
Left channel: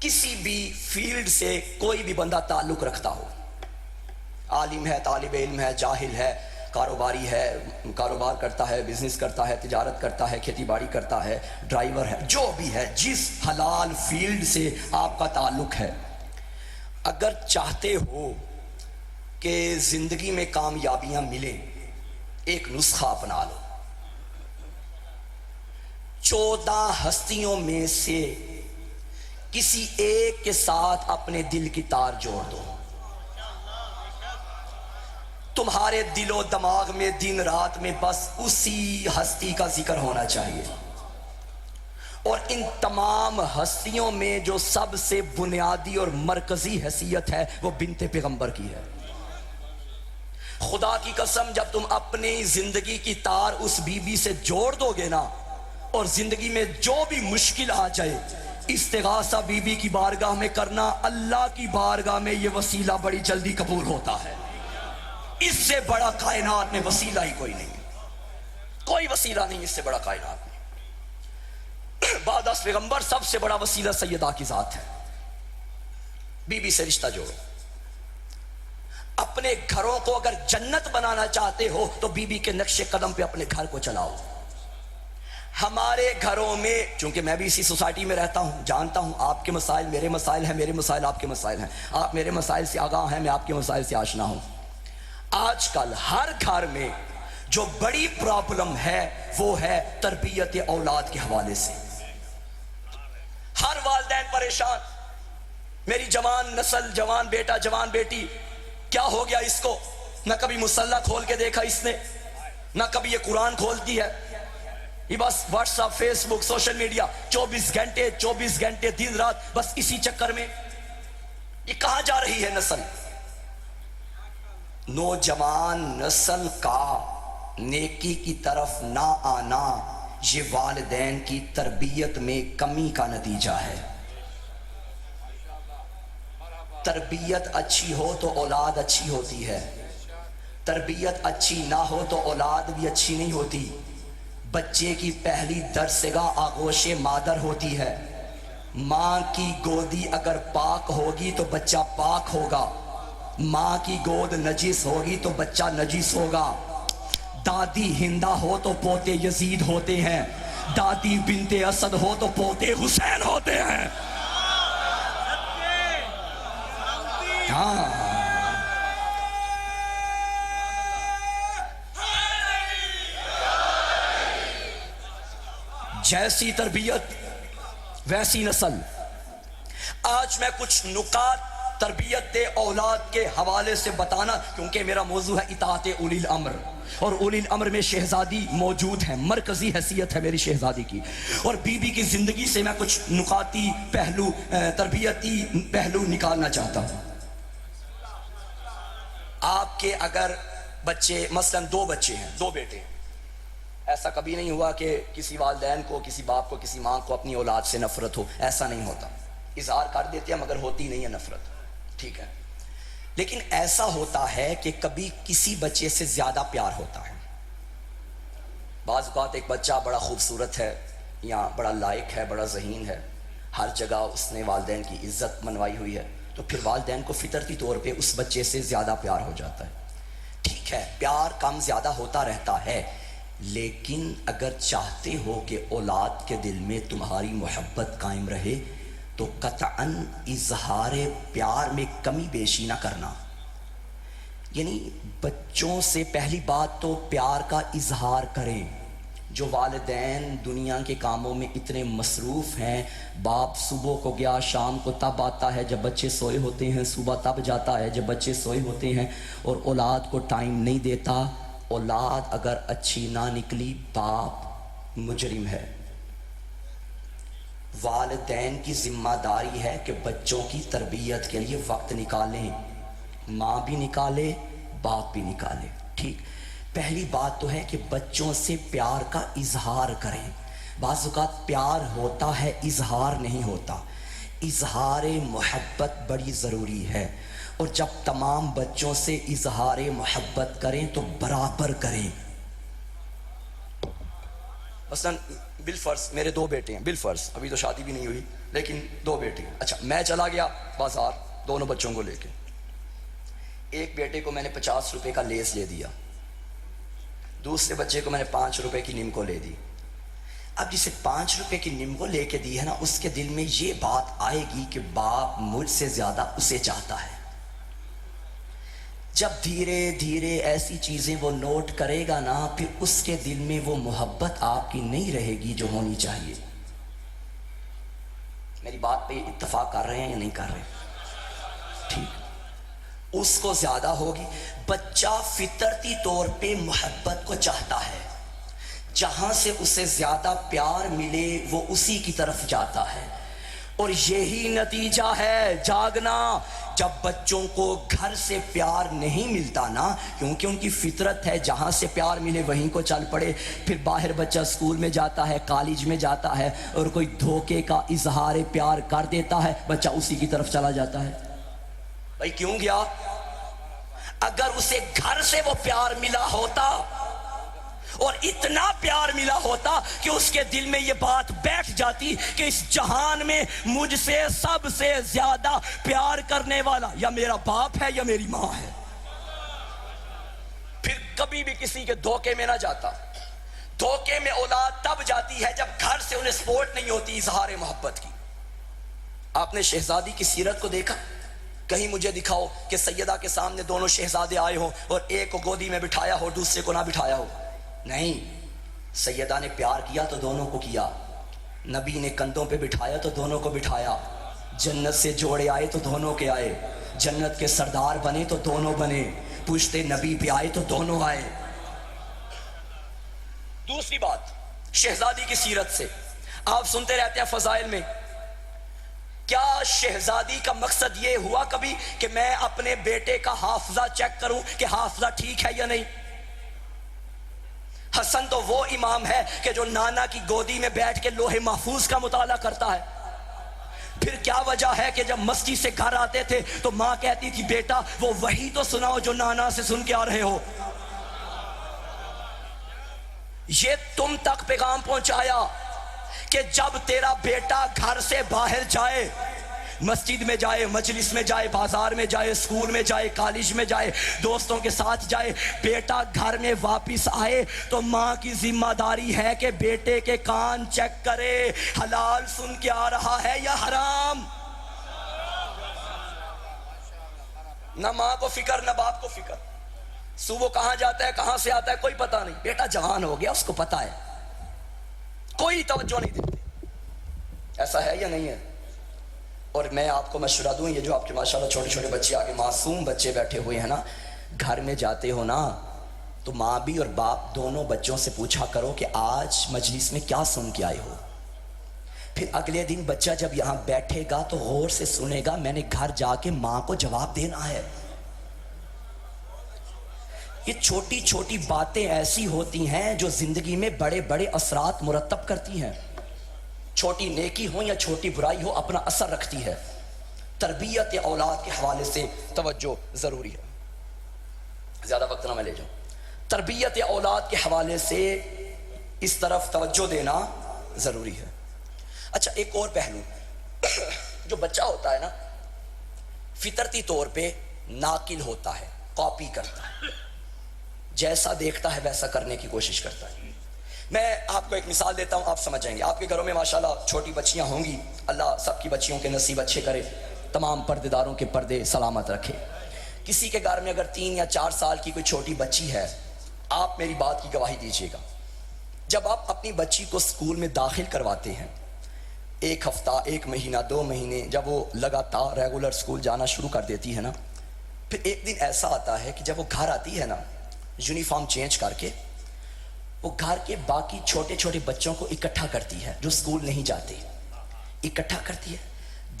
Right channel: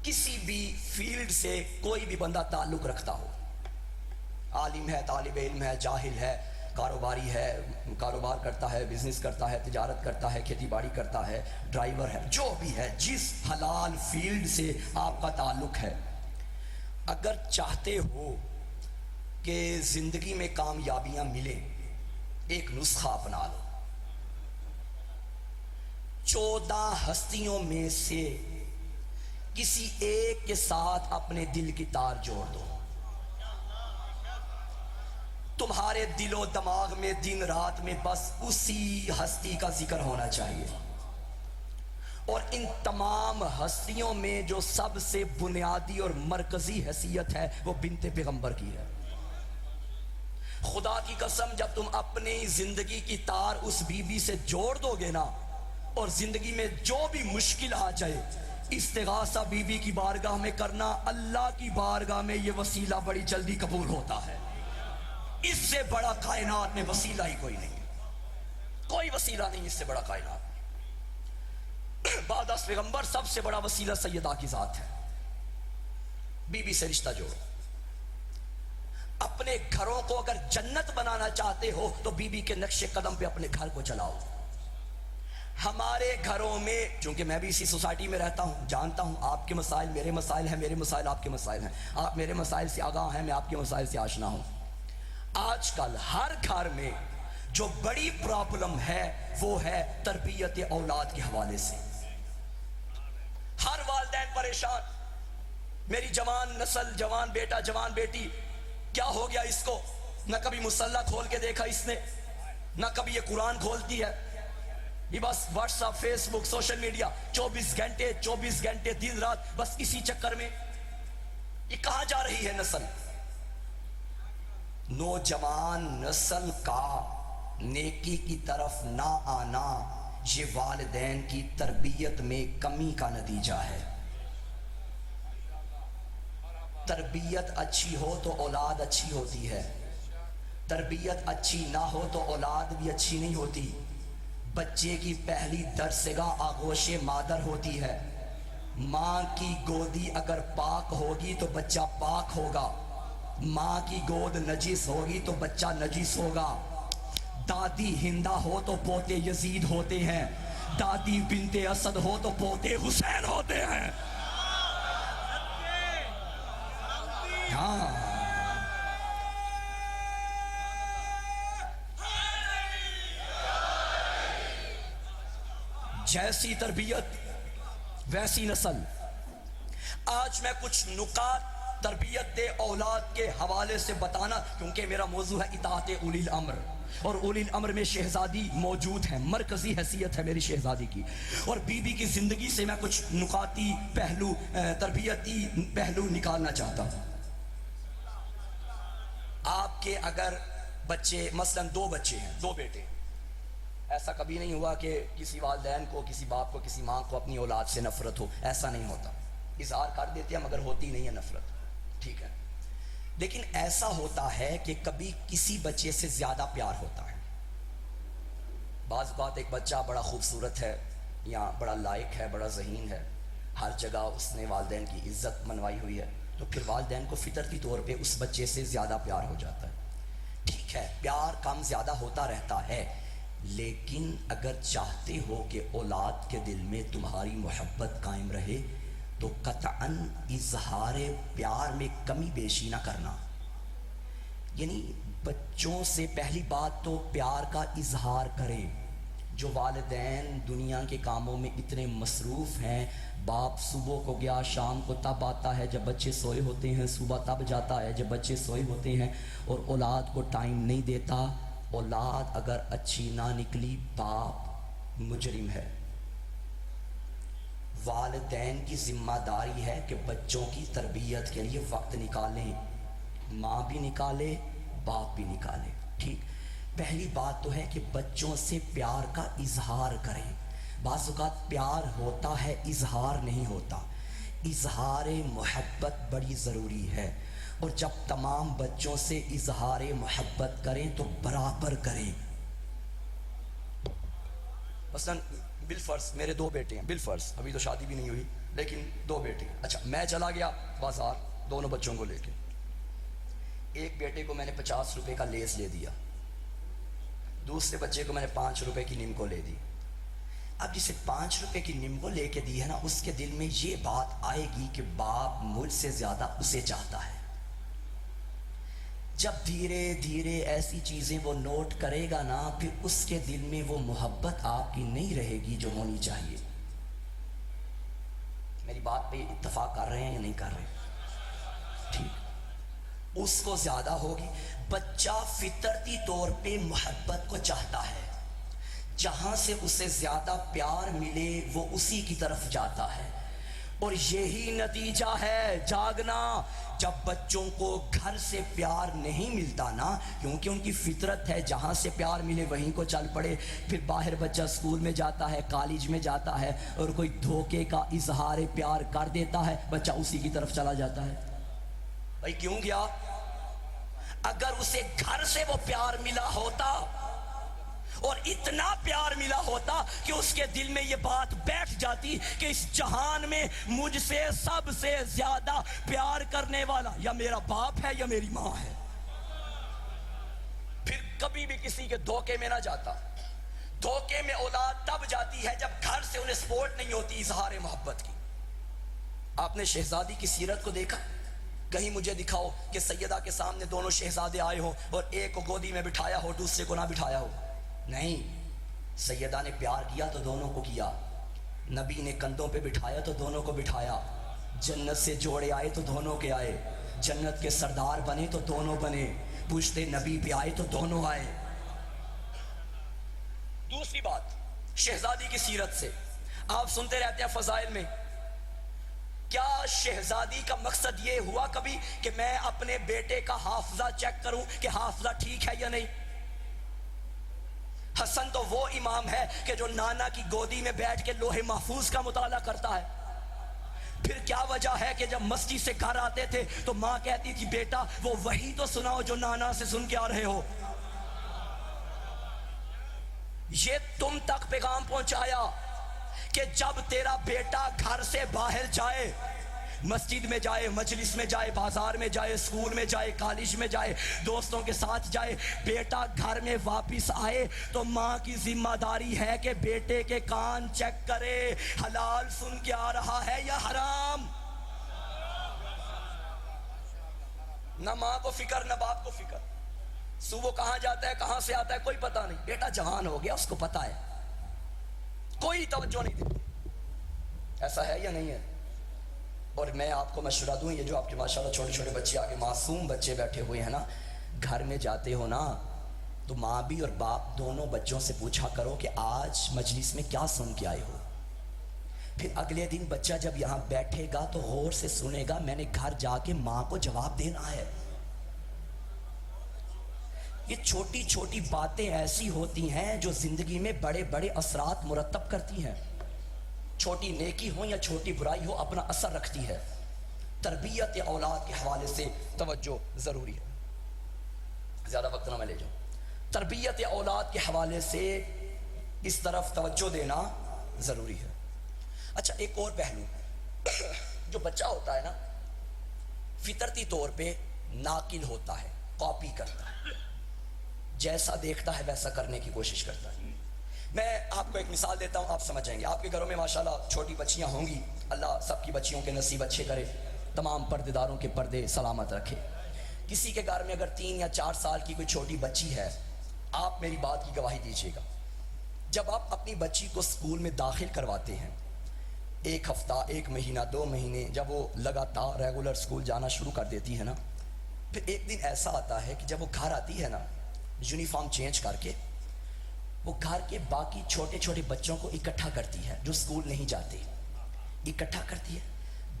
کسی بھی فیلڈ سے کوئی بھی بندہ تعلق رکھتا ہو، عالم ہے، طالب علم ہے، جاہل ہے، کاروباری ہے، کاروبار کرتا ہے، بزنس کرتا ہے، تجارت کرتا ہے، کھیتی باڑی کرتا ہے، ڈرائیور ہے، جو بھی ہے، جس حلال فیلڈ سے آپ کا تعلق ہے، اگر چاہتے ہو کہ زندگی میں کامیابیاں ملے، ایک نسخہ اپنا لو۔ 14 ہستیوں میں سے کسی ایک کے ساتھ اپنے دل کی تار جوڑ دو، تمہارے دل و دماغ میں دن رات میں بس اسی ہستی کا ذکر ہونا چاہیے، اور ان تمام ہستیوں میں جو سب سے بنیادی اور مرکزی حیثیت ہے وہ بنت پیغمبر کی ہے۔ خدا کی قسم جب تم اپنی زندگی کی تار اس بی بی سے جوڑ دو گے نا، اور زندگی میں جو بھی مشکل آ جائے، استغاثہ بی بی کی بارگاہ میں کرنا، اللہ کی بارگاہ میں یہ وسیلہ بڑی جلدی قبول ہوتا ہے۔ اس سے بڑا کائنات میں وسیلہ ہی کوئی نہیں، کوئی وسیلہ نہیں اس سے بڑا کائنات میں۔ بعد از پیغمبر سب سے بڑا وسیلہ سیدہ کی ذات ہے۔ بی بی سے رشتہ جوڑو۔ اپنے گھروں کو اگر جنت بنانا چاہتے ہو تو بی بی کے نقش قدم پہ اپنے گھر کو چلاؤ۔ ہمارے گھروں میں، چونکہ میں بھی اسی سوسائٹی میں رہتا ہوں، جانتا ہوں آپ کے مسائل میرے مسائل ہیں، میرے مسائل آپ کے مسائل ہیں، آپ میرے مسائل سے آگاہ ہیں، میں آپ کے مسائل سے آشنا ہوں۔ آج کل ہر گھر میں جو بڑی پرابلم ہے وہ ہے تربیت اولاد کے حوالے سے. ہر والدین پریشان، میری جوان نسل، جوان بیٹا جوان بیٹی کیا ہو گیا اس کو؟ نہ کبھی مصلی کھول کے دیکھا اس نے، نہ کبھی یہ قرآن کھولتی ہے، یہ بس واٹس ایپ، فیس بک، سوشل میڈیا، 24 گھنٹے دن رات بس اسی چکر میں. یہ کہاں جا رہی ہے نسل؟ نوجوان نسل کا نیکی کی طرف نہ آنا یہ والدین کی تربیت میں کمی کا نتیجہ ہے. تربیت اچھی ہو تو اولاد اچھی ہوتی ہے، تربیت اچھی نہ ہو تو اولاد بھی اچھی نہیں ہوتی. بچے کی پہلی درسگاہ آغوش مادر ہوتی ہے. ماں کی گودی اگر پاک ہوگی تو بچہ پاک ہوگا، ماں کی گود نجس ہوگی تو بچہ نجس ہوگا. دادی ہندا ہو تو پوتے یزید ہوتے ہیں، دادی بنت اسد ہو تو پوتے حسین ہوتے ہیں. ہاں جیسی تربیت ویسی نسل. آج میں کچھ نکات تربیت اولاد کے حوالے سے بتانا، کیونکہ میرا موضوع ہے اطاعت اولی الامر، اور اولی الامر میں شہزادی موجود ہے، مرکزی حیثیت ہے میری شہزادی کی. اور بی بی کی زندگی سے میں کچھ نکاتی پہلو، تربیتی پہلو نکالنا چاہتا ہوں. آپ کے اگر بچے، مثلا 2 بچے ہیں، 2 بیٹے، ایسا کبھی نہیں ہوا کہ کسی والدین کو، کسی باپ کو، کسی ماں کو اپنی اولاد سے نفرت ہو؟ ایسا نہیں ہوتا. اظہار کر دیتے ہیں مگر ہوتی نہیں ہے نفرت، ٹھیک ہے. لیکن ایسا ہوتا ہے کہ کبھی کسی بچے سے زیادہ پیار ہوتا ہے. بعض اوقات ایک بچہ بڑا خوبصورت ہے یا بڑا لائق ہے، بڑا ذہین ہے، ہر جگہ اس نے والدین کی عزت منوائی ہوئی ہے، تو پھر والدین کو فطرتی طور پہ اس بچے سے زیادہ پیار ہو جاتا ہے. ٹھیک ہے، پیار کم زیادہ ہوتا رہتا ہے، لیکن اگر چاہتے ہو کہ اولاد کے دل میں تمہاری محبت قائم رہے تو قطعاً اظہار پیار میں کمی بیشی نہ کرنا. یعنی بچوں سے پہلی بات تو پیار کا اظہار کریں. جو والدین دنیا کے کاموں میں اتنے مصروف ہیں، باپ صبح کو گیا شام کو تب آتا ہے جب بچے سوئے ہوتے ہیں، صبح تب جاتا ہے جب بچے سوئے ہوتے ہیں، اور اولاد کو ٹائم نہیں دیتا. اولاد اگر اچھی نہ نکلی، باپ مجرم ہے. والدین کی ذمہ داری ہے کہ بچوں کی تربیت کے لیے وقت نکالیں، ماں بھی نکالے، باپ بھی نکالے. ٹھیک، پہلی بات تو ہے کہ بچوں سے پیار کا اظہار کریں. بعض اوقات پیار ہوتا ہے، اظہار نہیں ہوتا. اظہار محبت بڑی ضروری ہے، اور جب تمام بچوں سے اظہار محبت کریں تو برابر کریں. مثلا بالفرض میرے 2 بیٹے ہیں، بالفرض ابھی تو شادی بھی نہیں ہوئی لیکن 2 بیٹے ہیں. اچھا، میں چلا گیا بازار دونوں بچوں کو لے کے. ایک بیٹے کو میں نے 50 روپے کا لیس لے دیا، دوسرے بچے کو میں نے 5 روپے کی نمکو لے دی. اب جسے 5 روپے کی نمکو لے کے دی ہے نا، اس کے دل میں یہ بات آئے گی کہ باپ مجھ سے زیادہ اسے چاہتا ہے. جب دھیرے دھیرے ایسی چیزیں وہ نوٹ کرے گا نا، پھر اس کے دل میں وہ محبت آپ کی نہیں رہے گی جو ہونی چاہیے. میری بات پہ اتفاق کر رہے ہیں یا نہیں کر رہے؟ ٹھیک، اس کو زیادہ ہوگی. بچہ فطرتی طور پہ محبت کو چاہتا ہے، جہاں سے اسے زیادہ پیار ملے وہ اسی کی طرف جاتا ہے. اور یہی نتیجہ ہے جاگنا. جب بچوں کو گھر سے پیار نہیں ملتا نا، کیونکہ ان کی فطرت ہے جہاں سے پیار ملے وہیں کو چل پڑے. پھر باہر بچہ اسکول میں جاتا ہے، کالج میں جاتا ہے، اور کوئی دھوکے کا اظہار پیار کر دیتا ہے، بچہ اسی کی طرف چلا جاتا ہے. بھائی کیوں گیا؟ اگر اسے گھر سے وہ پیار ملا ہوتا اور اتنا پیار ملا ہوتا کہ اس کے دل میں یہ بات بیٹھ جاتی کہ اس جہان میں مجھ سے سب سے زیادہ پیار کرنے والا یا میرا باپ ہے یا میری ماں ہے، پھر کبھی بھی کسی کے دھوکے میں نہ جاتا. دھوکے میں اولاد تب جاتی ہے جب گھر سے انہیں سپورٹ نہیں ہوتی اظہار محبت کی. آپ نے شہزادی کی سیرت کو دیکھا؟ کہیں مجھے دکھاؤ کہ سیدہ کے سامنے دونوں شہزادے آئے ہو اور ایک کو گودی میں بٹھایا ہو دوسرے کو نہ بٹھایا ہو. نہیں، سیدہ نے پیار کیا تو دونوں کو کیا، نبی نے کندھوں پہ بٹھایا تو دونوں کو بٹھایا، جنت سے جوڑے آئے تو دونوں کے آئے، جنت کے سردار بنے تو دونوں بنے، پوچھتے نبی پہ آئے تو دونوں آئے۔ دوسری بات، شہزادی کی سیرت سے آپ سنتے رہتے ہیں فضائل میں، کیا شہزادی کا مقصد یہ ہوا کبھی کہ میں اپنے بیٹے کا حافظہ چیک کروں کہ حافظہ ٹھیک ہے یا نہیں؟ حسن تو وہ امام ہے کہ جو نانا کی گودی میں بیٹھ کے لوح محفوظ کا مطالعہ کرتا ہے۔ پھر کیا وجہ ہے کہ جب مسجد سے گھر آتے تھے تو ماں کہتی تھی بیٹا وہ وہی تو سناؤ جو نانا سے سن کے آ رہے ہو۔ یہ تم تک پیغام پہنچایا کہ جب تیرا بیٹا گھر سے باہر جائے، مسجد میں جائے، مجلس میں جائے، بازار میں جائے، اسکول میں جائے، کالج میں جائے، دوستوں کے ساتھ جائے، بیٹا گھر میں واپس آئے تو ماں کی ذمہ داری ہے کہ بیٹے کے کان چیک کرے، حلال سن کے آ رہا ہے یا حرام۔ نہ ماں کو فکر نہ باپ کو فکر، صبح کہاں جاتا ہے کہاں سے آتا ہے کوئی پتہ نہیں، بیٹا جوان ہو گیا اس کو پتہ ہے، کوئی توجہ نہیں دیتے۔ ایسا ہے یا نہیں ہے؟ اور میں آپ کو مشورہ دوں، یہ جو آپ کے ماشاءاللہ چھوٹے چھوٹے بچے آگے معصوم بچے بیٹھے ہوئے ہیں نا، گھر میں جاتے ہو نا تو ماں بھی اور باپ دونوں بچوں سے پوچھا کرو کہ آج مجلس میں کیا سن کے آئے ہو۔ پھر اگلے دن بچہ جب یہاں بیٹھے گا تو غور سے سنے گا میں نے گھر جا کے ماں کو جواب دینا ہے۔ یہ چھوٹی چھوٹی باتیں ایسی ہوتی ہیں جو زندگی میں بڑے بڑے اثرات مرتب کرتی ہیں، چھوٹی نیکی ہو یا چھوٹی برائی ہو اپنا اثر رکھتی ہے۔ تربیت اولاد کے حوالے سے توجہ ضروری ہے، زیادہ وقت نہ میں لے جاؤں۔ تربیت اولاد کے حوالے سے اس طرف توجہ دینا ضروری ہے۔ اچھا ایک اور پہلو، جو بچہ ہوتا ہے نا فطرتی طور پہ ناقل ہوتا ہے، کاپی کرتا ہے، جیسا دیکھتا ہے ویسا کرنے کی کوشش کرتا ہے۔ میں آپ کو ایک مثال دیتا ہوں، آپ سمجھ جائیں گے۔ آپ کے گھروں میں ماشاءاللہ چھوٹی بچیاں ہوں گی، اللہ سب کی بچیوں کے نصیب اچھے کرے، تمام پردے داروں کے پردے سلامت رکھے۔ کسی کے گھر میں اگر 3 یا 4 سال کی کوئی چھوٹی بچی ہے، آپ میری بات کی گواہی دیجیے گا، جب آپ اپنی بچی کو اسکول میں داخل کرواتے ہیں، 1 ہفتہ 1 مہینہ 2 مہینے جب وہ لگاتار ریگولر اسکول جانا شروع کر دیتی ہے نا، پھر ایک دن ایسا آتا ہے کہ جب وہ گھر آتی ہے نا یونیفارم چینج کر کے، وہ گھر کے باقی چھوٹے چھوٹے بچوں کو اکٹھا کرتی ہے جو سکول نہیں جاتے، اکٹھا کرتی ہے،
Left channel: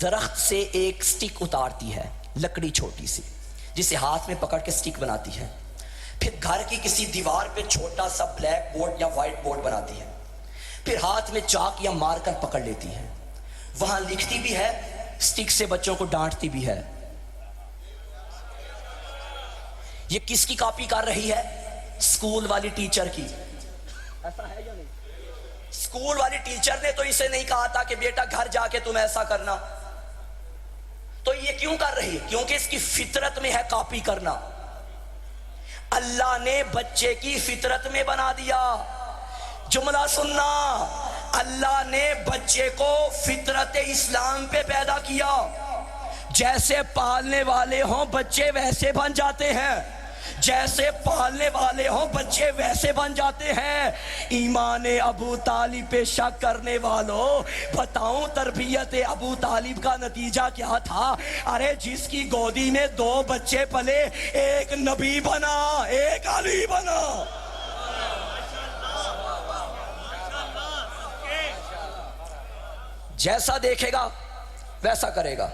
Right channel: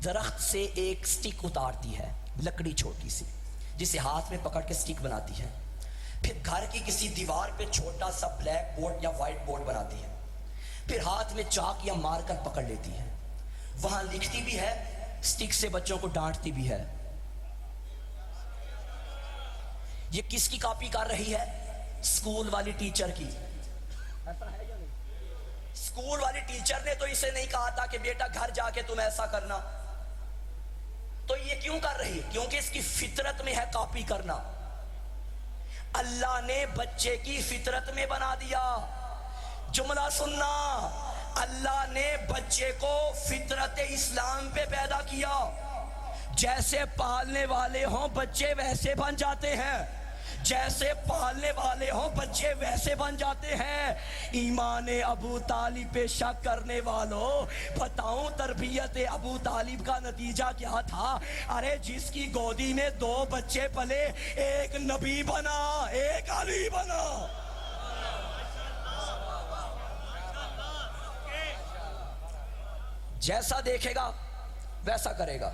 درخت سے ایک سٹک اتارتی ہے، لکڑی چھوٹی سی جسے ہاتھ میں پکڑ کے سٹک بناتی ہے، پھر گھر کی کسی دیوار پہ چھوٹا سا بلیک بورڈ یا وائٹ بورڈ بناتی ہے، پھر ہاتھ میں چاک یا مارکر پکڑ لیتی ہے، وہاں لکھتی بھی ہے، سٹک سے بچوں کو ڈانٹتی بھی ہے۔ یہ کس کی کاپی کر رہی ہے؟ اسکول والی ٹیچر کی۔ اسکول والی ٹیچر نے تو اسے نہیں کہا تھا کہ بیٹا گھر جا کے تم ایسا کرنا، تو یہ کیوں کر رہی ہے؟ کیونکہ اس کی فطرت میں ہے کاپی کرنا۔ اللہ نے بچے کی فطرت میں بنا دیا، جملہ سننا، اللہ نے بچے کو فطرت اسلام پہ پیدا کیا، جیسے پالنے والے ہوں بچے ویسے بن جاتے ہیں، جیسے پالنے والے ہوں بچے ویسے بن جاتے ہیں۔ ایمان ابو طالب پہ شک کرنے والوں، بتاؤں تربیت ابو طالب کا نتیجہ کیا تھا؟ ارے جس کی گودی میں 2 بچے پلے، ایک نبی بنا ایک علی بنا۔ جیسا دیکھے گا ویسا کرے گا۔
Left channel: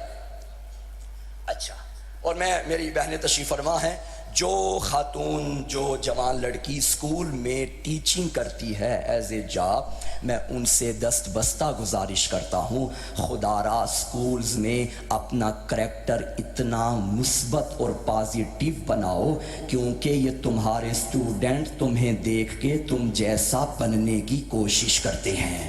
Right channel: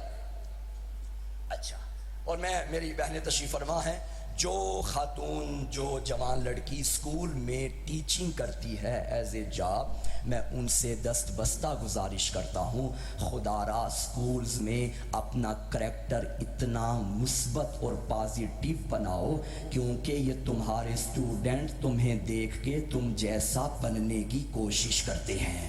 اچھا، اور میری بہنیں تشریف فرما ہیں، جو خاتون جو جوان لڑکی اسکول میں ٹیچنگ کرتی ہے ایز اے جاب، میں ان سے دست بستہ گزارش کرتا ہوں خدا را اسکولز میں اپنا کریکٹر اتنا مثبت اور پازیٹیو بناؤ، کیونکہ یہ تمہارے اسٹوڈنٹ تمہیں دیکھ کے تم جیسا بننے کی کوشش کرتے ہیں۔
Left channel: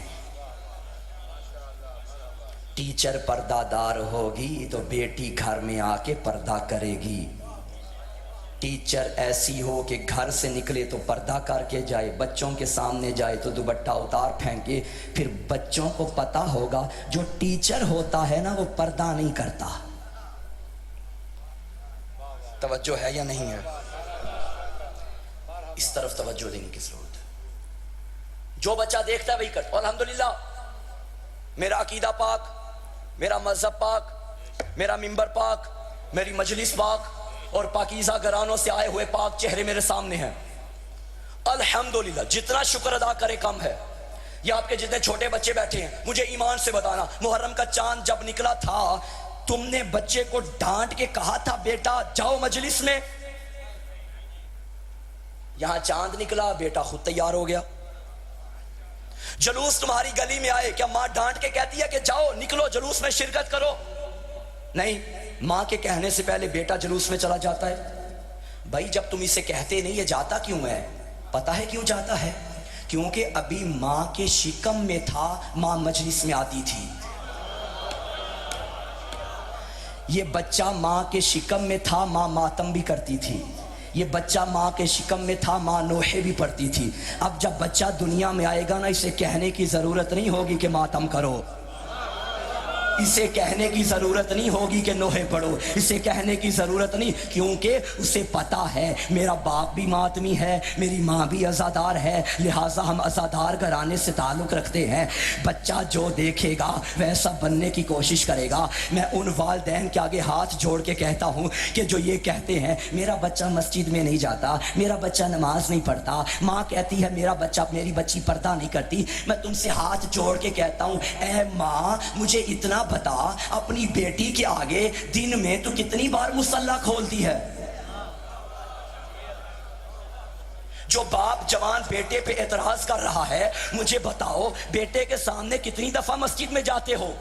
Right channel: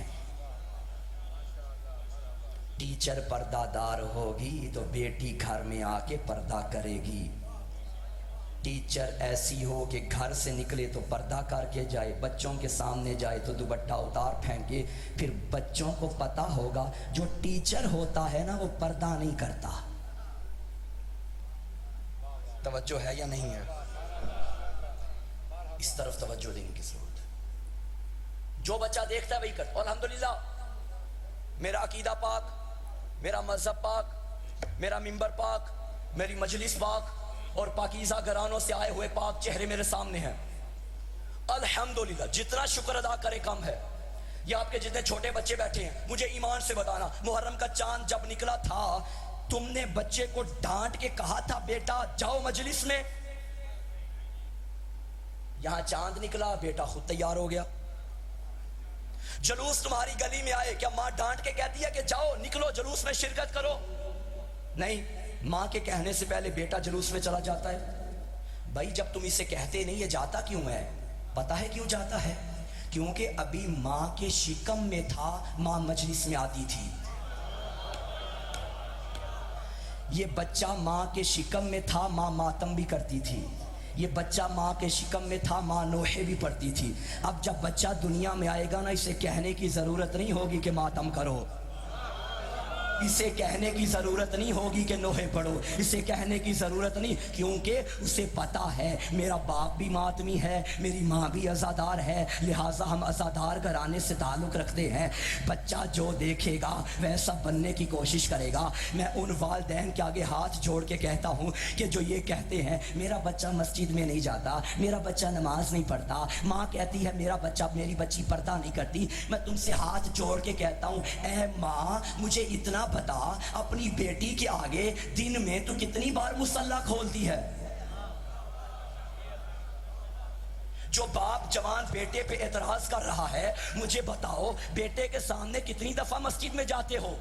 ٹیچر پردہ دار ہوگی تو بیٹی گھر میں آ کے پردہ کرے گی، ٹیچر ایسی ہو کہ گھر سے نکلے تو پردہ کر کے جائے، بچوں کے سامنے جائے تو دوپٹہ اتار پھینکے، پھر بچوں کو پتہ ہوگا جو ٹیچر ہوتا ہے نا وہ پردہ نہیں کرتا۔ توجہ ہے یا نہیں ہے؟ اس طرف توجہ دینے کی ضرورت ہے۔ جو بچہ دیکھتا ہے وہی کرتا. الحمدللہ میرا عقیدہ پاک، میرا مذہب پاک، میرا منبر پاک، میری مجلس پاک، اور پاکیزہ گھرانوں سے آئے ہوئے پاک چہرے میرے سامنے ہیں. الحمدللہ جتنا شکر ادا کرے کم ہے. یہ آپ کے جتنے چھوٹے بچے بیٹھے ہیں، مجھے ایمان سے بتانا، محرم کا چاند جب نکلا تھا تم نے بچے کو ڈانٹ کے کہا تھا بیٹا جاؤ مجلس میں؟ یہاں چاند نکلا، بیٹا خود تیار ہو گیا. جلوس تمہاری گلی میں آئے، کیا ماں ڈانٹ کے کہتی ہے کہ جاؤ نکلو جلوس میں شرکت کرو؟ نہیں، ماں کے کہنے سے پہلے بیٹا جلوس میں چلا جاتا ہے. بھائی جب تم اسے کہتے نہیں، یہ جاتا کیوں ہے؟ پتہ ہے کیوں جاتا ہے؟ کیونکہ ابھی ماں کے شکم میں تھا، ماں مجلس میں آتی تھی. یہ بچہ ماں کے شکم میں تھا، ماں ماتم بھی کرتی تھی. یہ بچہ ماں کے شکم میں تھا، ماں نوحے بھی پڑتی تھی. اب جب بچہ دنیا میں آئے گا نا، اسے کہنے کی ضرورت نہیں ہوگی کہ ماتم کرو، اسے کہنے کی ضرورت نہیں ہوگی کہ نوحے پڑھو، اسے کہنے کی ضرورت نہیں، کیونکہ اسے پتا ہے میرا باپ بھی ماتمی ہے، میری ماں بھی عزادار ہے، لہٰذا ہم عزادار گھرانے سے تعلق رکھتے ہیں. بچہ جو دیکھے گا ویسا بننے کی کوشش کرے گا. میں ان والدین کے آگے ہاتھ جوڑ کے کہتا ہوں کہ جو یہ کہتے ہیں میرا بچہ مسجد میں نہیں جاتا، میرا بچہ نماز نہیں پڑھتا، ماں کہتی ہے میرا بچہ میری بچی پردہ نہیں کرتی، میں تم سے ہاتھ جوڑ کے کہتا ہوں اے ماں مجھے اتنا بتا اپنی بیٹی کے آگے دن میں تو کتنی بار مصلی کھولتی ہے؟ جو باپ جوان بیٹے پہ اعتراض کر رہا ہے، مجھے بتاؤ بیٹے کے سامنے کتنی دفعہ مسجد میں جاتے ہو؟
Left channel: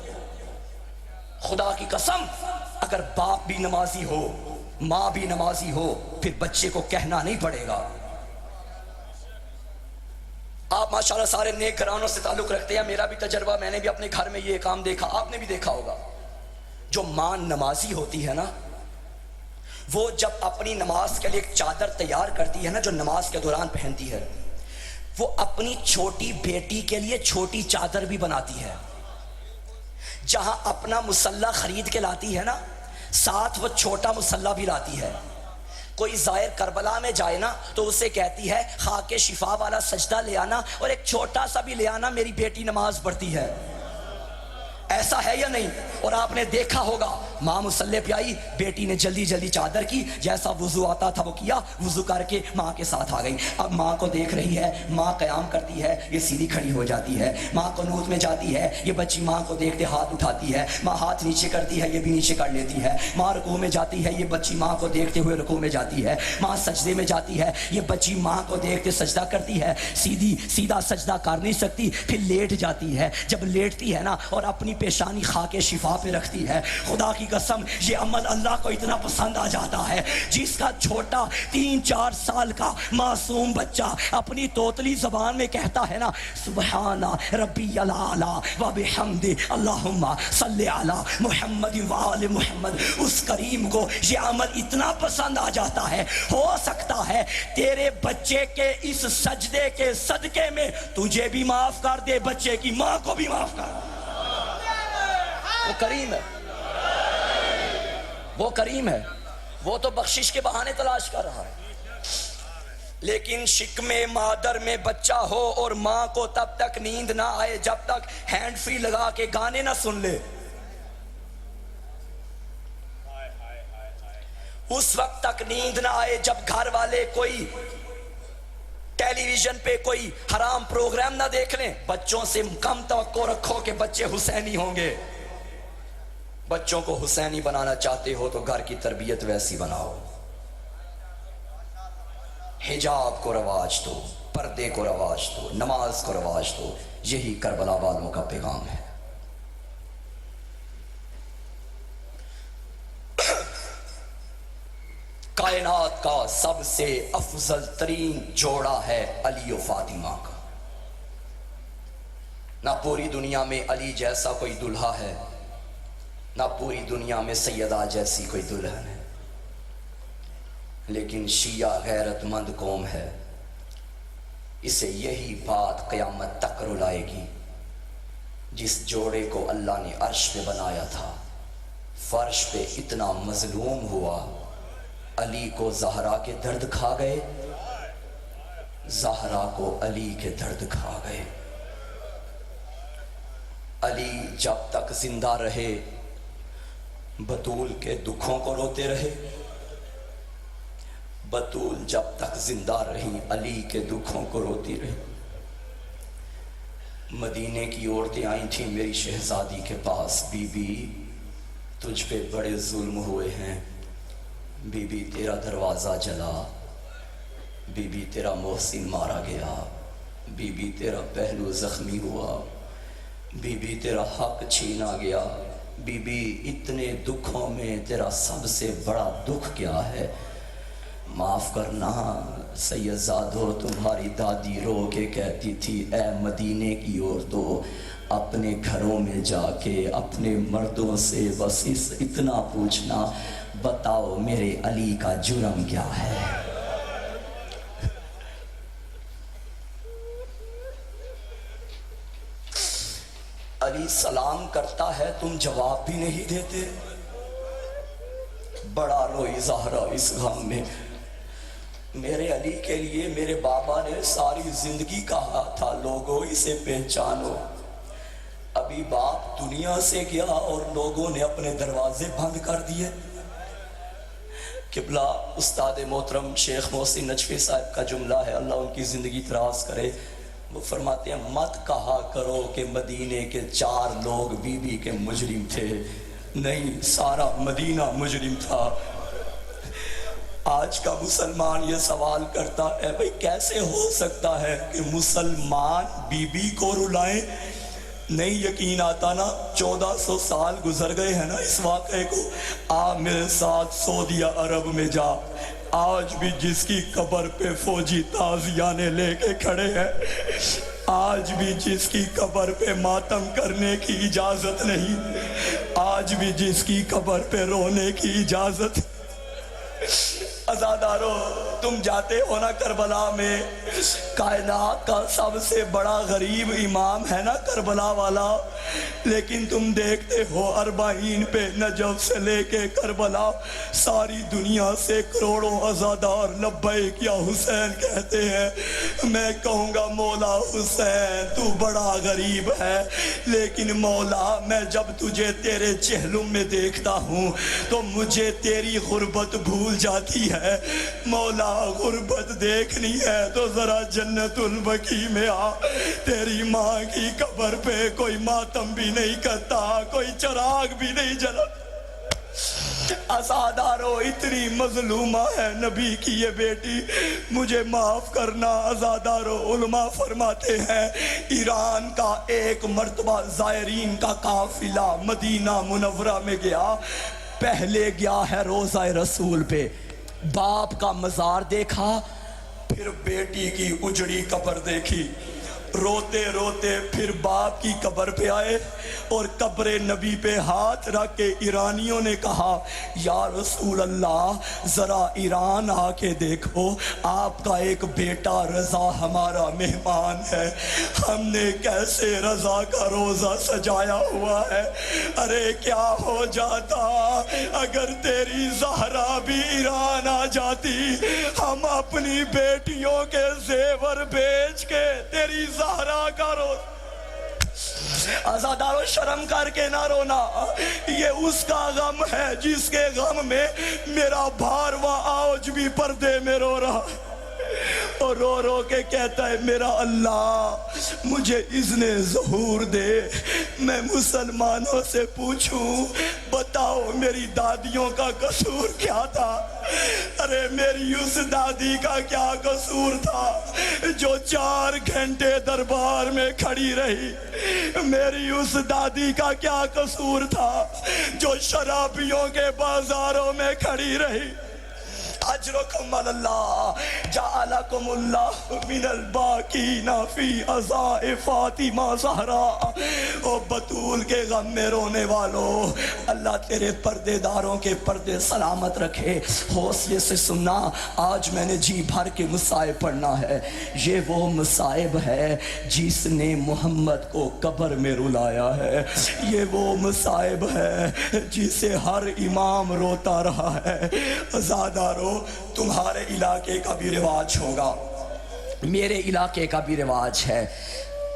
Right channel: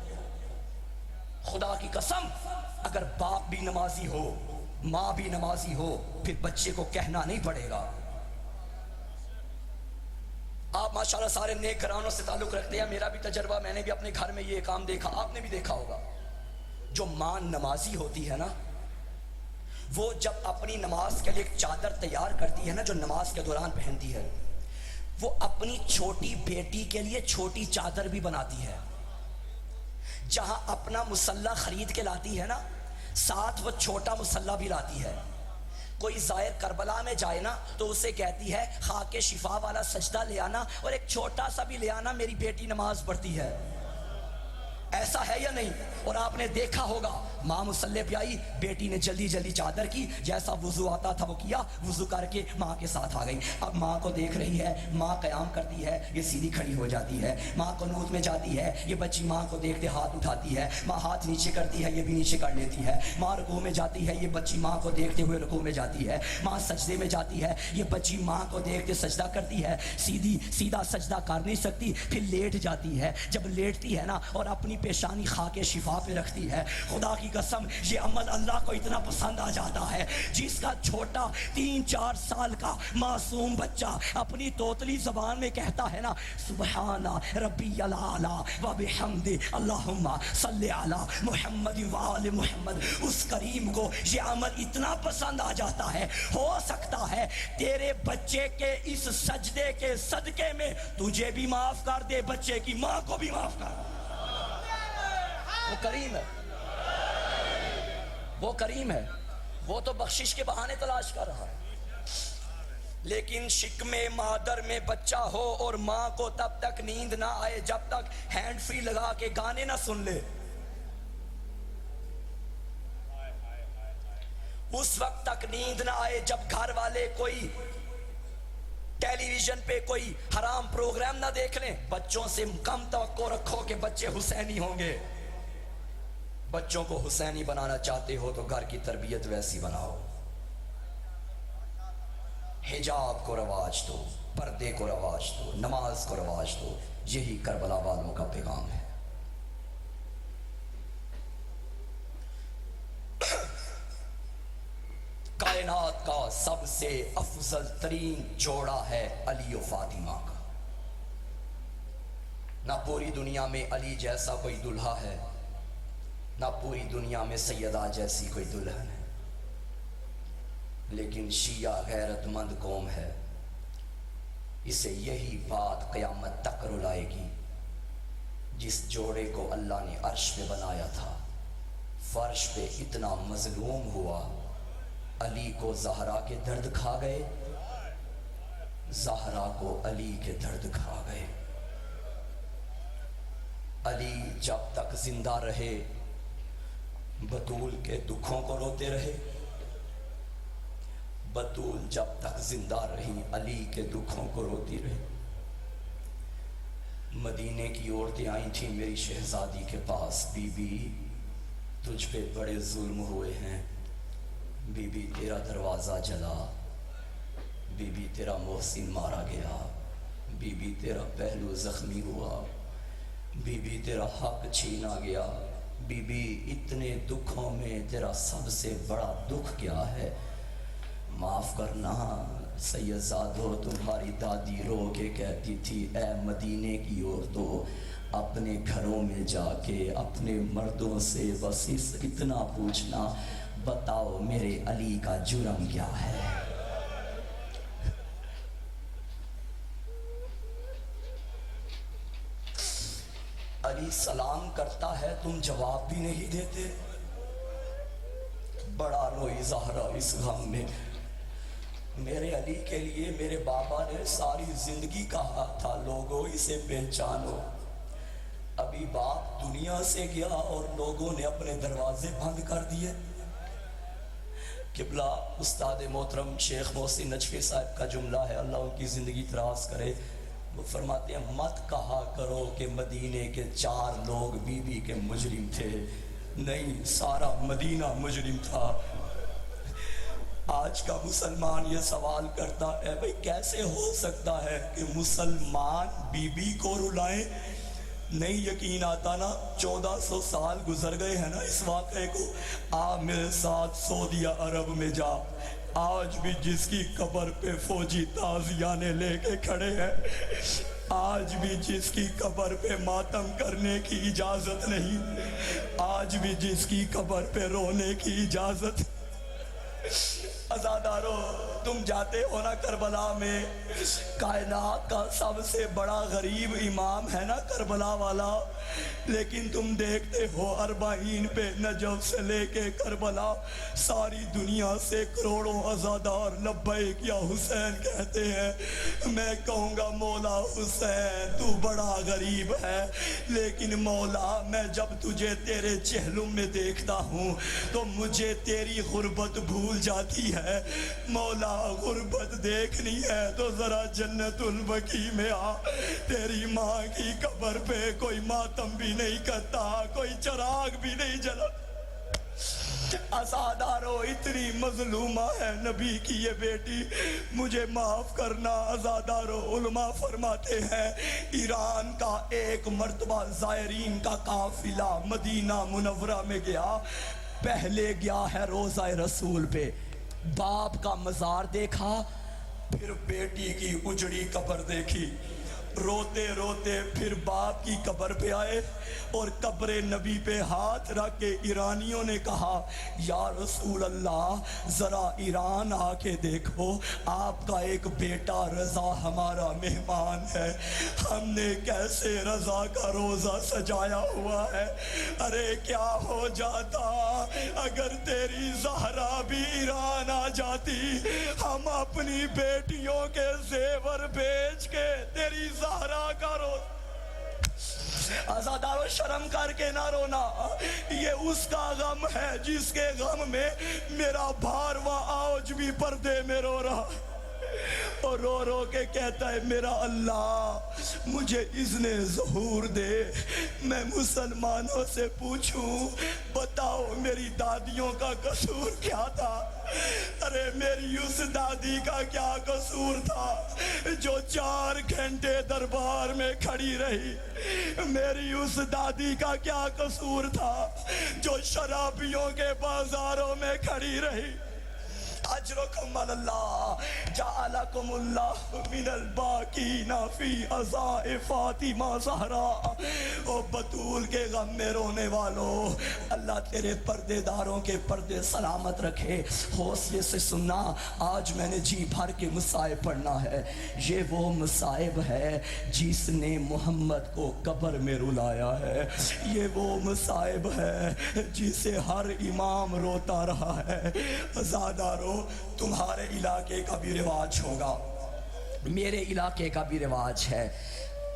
خدا کی قسم اگر باپ بھی نمازی ہو، ماں بھی نمازی ہو، پھر بچے کو کہنا نہیں پڑے گا. آپ ماشاءاللہ سارے نیک گھرانوں سے تعلق رکھتے ہیں، میرا بھی تجربہ، میں نے بھی اپنے گھر میں یہ کام دیکھا، آپ نے بھی دیکھا ہوگا. جو ماں نمازی ہوتی ہے نا، وہ جب اپنی نماز کے لیے ایک چادر تیار کرتی ہے نا، جو نماز کے دوران پہنتی ہے، وہ اپنی چھوٹی بیٹی کے لیے چھوٹی چادر بھی بناتی ہے. جہاں اپنا مصلی خرید کے لاتی ہے نا، ساتھ وہ چھوٹا مصلی بھی لاتی ہے. کوئی زائر کربلا میں جائے نا تو اسے کہتی ہے خاک شفا والا سجدہ لے آنا اور ایک چھوٹا سا بھی لے آنا، میری بیٹی نماز پڑھتی ہے. ایسا ہے یا نہیں؟ اور آپ نے دیکھا ہوگا ماں مصلی پہ آئی، بیٹی نے جلدی جلدی چادر کی، جیسا وضو آتا تھا وہ کیا، وضو کر کے ماں کے ساتھ آ گئی. اب ماں کو دیکھ رہی ہے، ماں قیام کرتی ہے، یہ سیدھی کھڑی ہو جاتی ہے. ماں قنوت میں جاتی ہے، یہ بچی ماں کو دیکھتے ہاتھ اٹھاتی ہے. ماں ہاتھ نیچے کرتی ہے، یہ بھی نیچے کر لیتی ہے. ماں رکوع میں جاتی ہے، یہ بچی ماں کو دیکھتے ہوئے رکوع میں جاتی ہے. ماں سجدے میں جاتی ہے، یہ بچی ماں کو دیکھتے سجدہ کرتی ہے. سیدھا سجدہ کر نہیں سکتی، پھر لیٹ جاتی ہے. جب لیٹتی ہے نا اور اپنی پیشانی خاک شفا پہ رکھتی ہے، خدا کی قسم یہ عمل اللہ کو اتنا پسند آ جاتا ہے. جس کا چھوٹا 3-4 سال کا معصوم بچہ اپنی توتلی زبان میں کہتا ہے نا سبحان ربی الاعلی و بحمد اللہم صلی علی محمد و آل محمد، اس کریم کو یہ عمل اتنا پسند آ جاتا ہے. ہو سکتا ہے تیرے بچے کے اس سجدے کے صدقے میں تجھے بھی معاف کر دے، بچے کی ماں کو بھی معاف کر دے. وہ کریم ہے، وہ کریم ہے، وہ تو بخشش کے بہانے تلاش کر رہا ہے. لیکن شکم مادر میں بچہ ہو اور ماں کو تب تک نیند نہ آئے جب تک ہینڈ فری لگا کے گانے نہ سن لے. اس وقت تک نیند نہ آئے جب گھر والے کوئی ٹیلی ویژن پہ کوئی حرام پروگرام نہ دیکھ لیں. بچوں سے کم توقع رکھو کہ بچے حسینی ہوں گے. بچوں کو حسینی بنانا چاہتے ہو تو گھر کی تربیت ویسی بناؤ. حجاب کو رواج دو، پردے کو رواج دو، نماز کو رواج دو. یہی کربلا والوں کا پیغام ہے. کائنات کا سب سے افضل ترین جوڑا ہے علی و فاطمہ کا. نہ پوری دنیا میں علی جیسا کوئی دلہا ہے، نہ پوری دنیا میں سیدہ جیسی کوئی دلہن ہے. لیکن شیعہ غیرت مند قوم ہے، اسے یہی بات قیامت تک رلائے گی. جس جوڑے کو اللہ نے عرش پہ بنایا تھا، فرش پہ اتنا مظلوم ہوا، علی کو زہرا کے درد کھا گئے. زہرا کو علی کے درد کھا گئے۔ علی جب تک زندہ رہے بطول کے دکھوں کو روتے رہے، بطول جب تک زندہ رہی علی کے دکھوں کو روتی رہی۔ مدینے کی عورتیں آئی تھیں میری شہزادی کے پاس، بی بی تجھ پہ بڑے ظلم ہوئے ہیں، بی بی تیرا دروازہ جلا، بی بی تیرا محسن مارا گیا، بی بی تیرا پہلو زخمی ہوا، بی بی تیرا حق چھینا گیا، بی بی اتنے دکھوں میں تیرا سب سے بڑا دکھ کیا ہے؟ معاف کرنا سید زادو، تمہاری دادی رو کے کہتی تھی اے مدینے کی عورتوں، اپنے گھروں میں جا کے اپنے مردوں سے بس اتنا پوچھنا، بتاؤ میرے علی کا جرم کیا ہے؟ علی سلام کرتا ہے تم جواب بھی نہیں دیتے۔ بڑا روئی زہرا اس غم میں۔ میرے علی کے لیے میرے بابا نے ساری زندگی کہا تھا لوگوں اسے پہچانو، ابھی باپ دنیا سے گیا اور لوگوں نے اپنے دروازے بند کر دیے۔ قبلہ استاد محترم شیخ محسن نجفی صاحب کا جملہ ہے، اللہ ان کی زندگی دراز کرے، وہ فرماتے ہیں مت کہا کرو کہ مدینے کے 4 لوگ بی بی کے مجرم تھے، نہیں سارا مدینہ مجرم تھا۔ آج کا مسلمان یہ سوال کرتا ہے بھئی کیسے ہو سکتا ہے کہ مسلمان بی بی کو رلائیں؟ نہیں یقین آتا نا، 1400 سال گزر گئے ہیں نا اس واقعے کو۔ آ میرے ساتھ سعودی عرب میں جا، آج بھی جس کی قبر پہ فوجی تازیانے لے کے کھڑے ہیں، آج بھی جس کی قبر پہ ماتم کرنے کی اجازت نہیں، آج بھی جس کی قبر پہ رونے کی اجازت۔ عزادارو تم جاتے ہو نا کربلا میں، کائنات کا سب سے بڑا غریب امام ہے نا کربلا والا، لیکن تم دیکھتے ہو 40 پہ نجف سے لے کے کربلا ساری دنیا سے کروڑوں عزادار لبیک یا حسین کہتے ہیں۔ میں کہوں گا مولا حسین تو بڑا غریب ہے، لیکن مولا میں جب تجھے تیرے چہلم میں دیکھتا ہوں تو مجھے تیری غربت بھول جاتی ہے۔ مولا غربت دیکھنی ہے تو ذرا جنت البقیع میں آ، تیری ماں کی قبر پہ کوئی ماتم بھی نہیں کرتا، کوئی چراغ بھی نہیں جلا۔ عزادارو اتنی مظلومہ ہے نبی کی یہ بیٹی، مجھے معاف کرنا عزادارو۔ علماء فرماتے ہیں ایران کا ایک مرتبہ زائرین کا قافلہ مدینہ منورہ میں گیا، پہلے گیا ہے روضہ رسول پہ، باپ کا مزار دیکھا، پھر بیٹی کی اجڑی قبر دیکھی، روتے روتے پھر باپ کی قبر پہ آئے اور قبر نبی پہ ہاتھ رکھ کے ایرانیوں نے کہا یا رسول اللہ ذرا ایران آ کے دیکھو، آپ کا ایک بیٹا رضا ہمارا مہمان ہے، ہم نے کیسے رضا کا روزہ سجایا ہوا ہے۔ ارے کیا ہو جاتا اگر تیری زہرا بھی ایران آ جاتی، ہم اپنی بیٹیوں کے زیور بیچ کے تیری زہرا کا روزہ۔ عزادارو شرم کر کے نہ رونا، یہ اس کا غم ہے جس کے غم میں میرا بھارواں آج بھی پردے میں رو رہا ہے اور رو رو کے کہتا ہے میرا اللہ مجھے اذن ظہور دے، میں مسلمانوں سے پوچھوں بتاؤ میری دادیوں کا قصور کیا تھا؟ ارے میری اس دادی کا کیا قصور تھا جو 4 گھنٹے دربار میں کھڑی رہی؟ میری اس دادی کا کیا قصور تھا جو شرابیوں کے بازاروں میں کھڑی رہی؟ اجرکم اللہ جعلکم اللہ من الباقین فی عزاء فاطمہ زہرا۔ او بطول کے غم میں رونے والو، اللہ تیرے پردے داروں کے پردے سلامت رکھے۔ حوصلے سے سننا، آج میں نے جی بھر کے مصائب پڑھنا ہے۔ یہ وہ مصائب ہے جس نے محمد کو قبر میں رلایا ہے، یہ وہ مصائب ہے جسے ہر امام روتا رہا ہے۔ عزادارو تمہارے علاقے کا بھی رواج ہوگا، میرے علاقے کا بھی رواج ہے،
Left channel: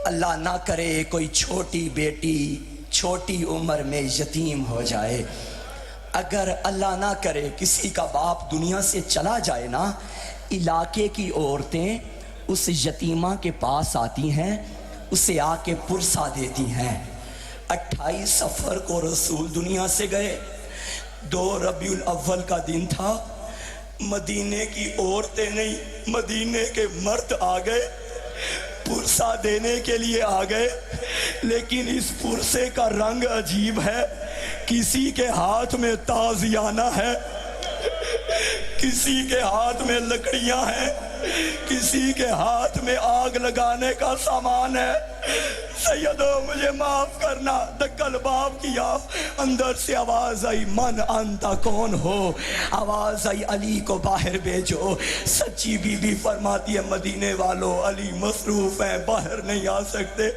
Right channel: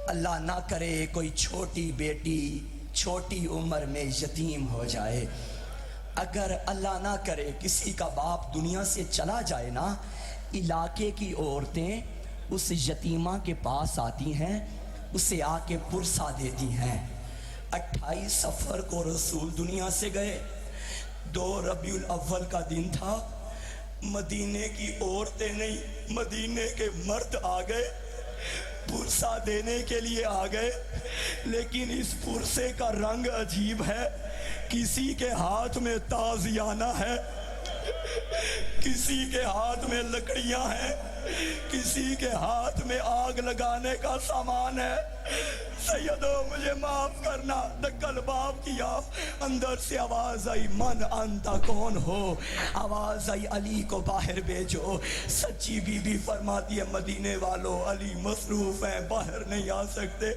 اللہ نہ کرے کوئی چھوٹی بیٹی چھوٹی عمر میں یتیم ہو جائے، اگر اللہ نہ کرے کسی کا باپ دنیا سے چلا جائے نا، علاقے کی عورتیں اس یتیمہ کے پاس آتی ہیں، اسے آ کے پرسہ دیتی ہیں۔ 28 صفر کو رسول دنیا سے گئے، 2 ربیع الاول کا دن تھا، مدینے کی عورتیں نہیں مدینے کے مرد آ گئے، پرسہ دینے کے لیے آ گئے، لیکن اس پرسے کا رنگ عجیب ہے، کسی کے ہاتھ میں تازیانہ ہے، کسی کے ہاتھ میں لکڑیاں ہیں، کسی کے ہاتھ میں آگ لگانے کا سامان ہے۔ سیدو مجھے معاف کرنا، دکل باب کیا، اندر سے آواز آئی من انتا کون ہو، آواز آئی علی کو باہر بھیجو۔ سچی بی بی فرماتی ہے مدینے والوں علی مصروف ہیں باہر نہیں آ سکتے،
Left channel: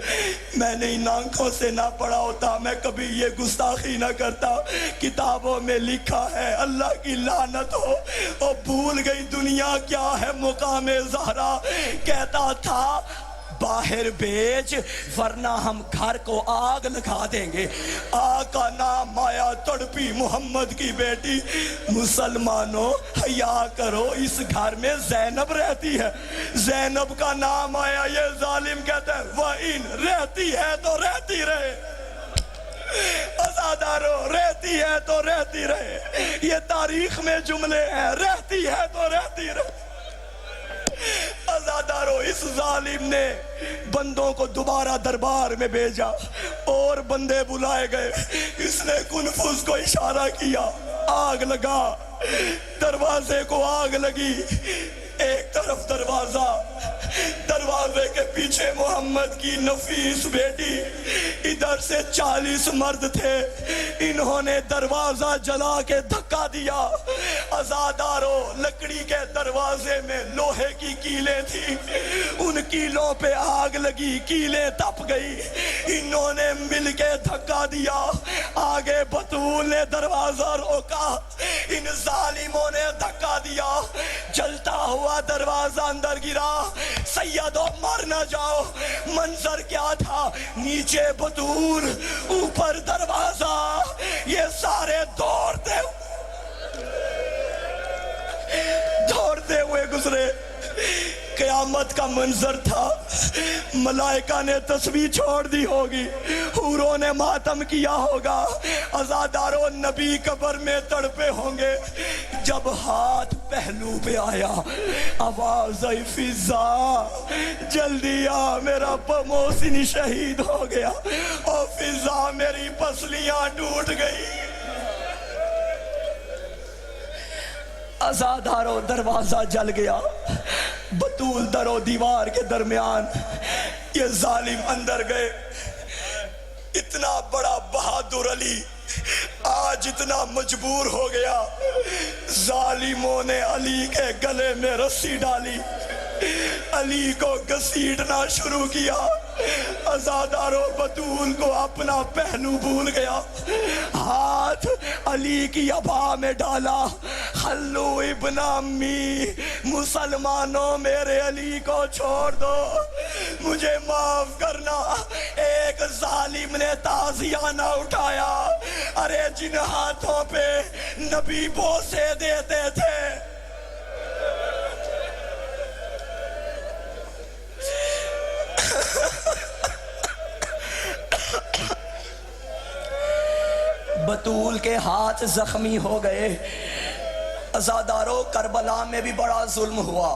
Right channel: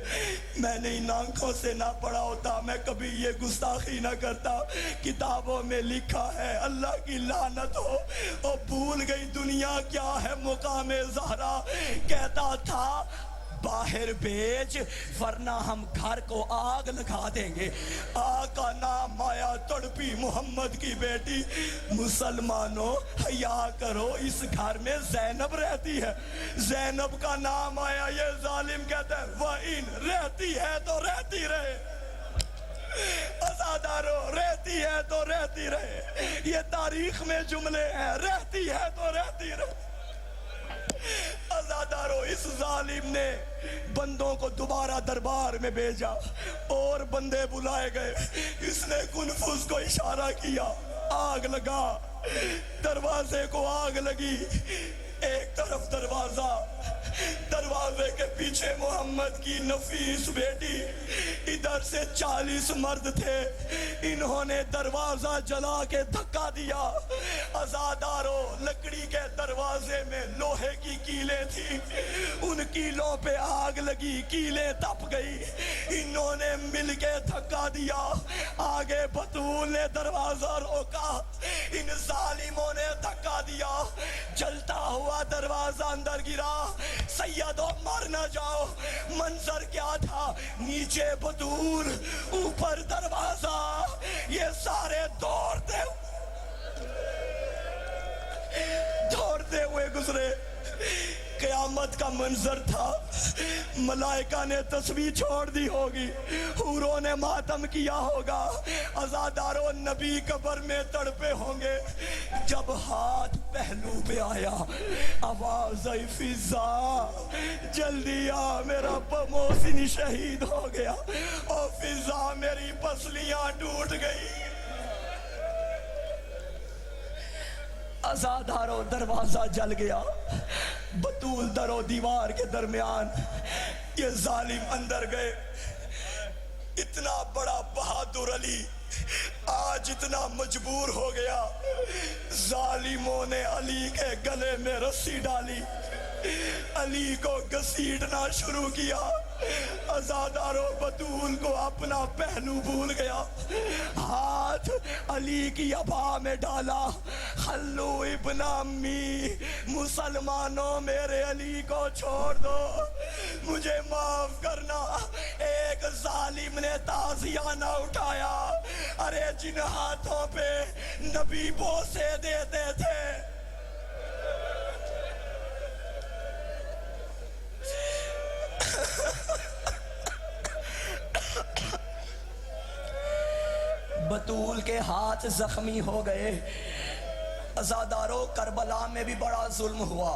میں نے ان آنکھوں سے نہ پڑھا ہوتا میں کبھی یہ گستاخی نہ کرتا، کتابوں میں لکھا ہے اللہ کی لعنت ہو، اور بھول گئی دنیا کیا ہے مقام زہرا، کہتا تھا باہر بھیج ورنہ ہم گھر کو آگ لگا دیں گے۔ آقا نام آیا تڑپی محمد کی بیٹی، مسلمانوں حیا کرو اس گھر میں زینب رہتی ہے، زینب کا نام آیا یہ ظالم کہتا ہے وَإِن رہتی ہے تو رہتی رہے، ازادارو رہتی ہے تو رہتی رہے، یہ تاریخ میں جملے ہیں، رہتی ہے تو رہتی رہے۔ ازادارو اس ظالم نے بندوں کو دوبارہ دربار میں بھیجا اور بندے بلائے گئے، اس نے کنفذ کو اشارہ کیا، آگ لگا، دروازے کو آگ لگی، ایک طرف دروازہ، دروازے کے پیچھے محمد کی نفیس بیٹی، ادھر سے 40 مرد تھے، انہوں نے دروازہ جلا کے دھکا دیا، ازادارو لکڑی کے دروازے میں لوہے کی کیلیں تھی، ان کیلوں پہ آگ لگی، کیلیں تپ گئی، انہوں نے مل کے دھکا دیا، آگے بطول نے دروازہ روکا، ان ظالموں نے دھکا دیا، جلتا ہوا دروازہ اندر گرا، سیدو مر نہ جاؤ، منظر کیا تھا، نیچے بطول اوپر دروازہ، یہ سارے دوڑتے ہوئے گزرے، قیامت کا منظر تھا، ملائکہ نے تسبیح چھوڑ دی ہوگی، حوروں نے ماتم کیا ہوگا، ازاداروں نبی قبر میں تڑپے ہوں گے، جب ہاتھ پہلو پہ آیا آواز آئی فضا جلدی آ میرا محسن شہید ہو گیا، اور فضا میری پسلیاں ٹوٹ گئی۔ ازادارو دروازہ جل گیا، بطول در و دیوار کے درمیان، یہ ظالم اندر گئے، اتنا بڑا بہادر علی آج اتنا مجبور ہو گیا، ظالموں نے علی کے گلے میں رسی ڈالی، علی کو گھسیٹنا شروع کیا، ازادارو بطول کو اپنا پہلو بھول گیا، ہاتھ علی کی ابا میں ڈالا، خلو ابن امی، مسلمانوں میرے علی کو چھوڑ دو، مجھے معاف کرنا، ایک ظالم نے تازیانہ اٹھایا، ارے جن ہاتھوں پہ نبی بوسے دیتے تھے، بطول کے ہاتھ زخمی ہو گئے۔ ازادارو کربلا میں بھی بڑا ظلم ہوا،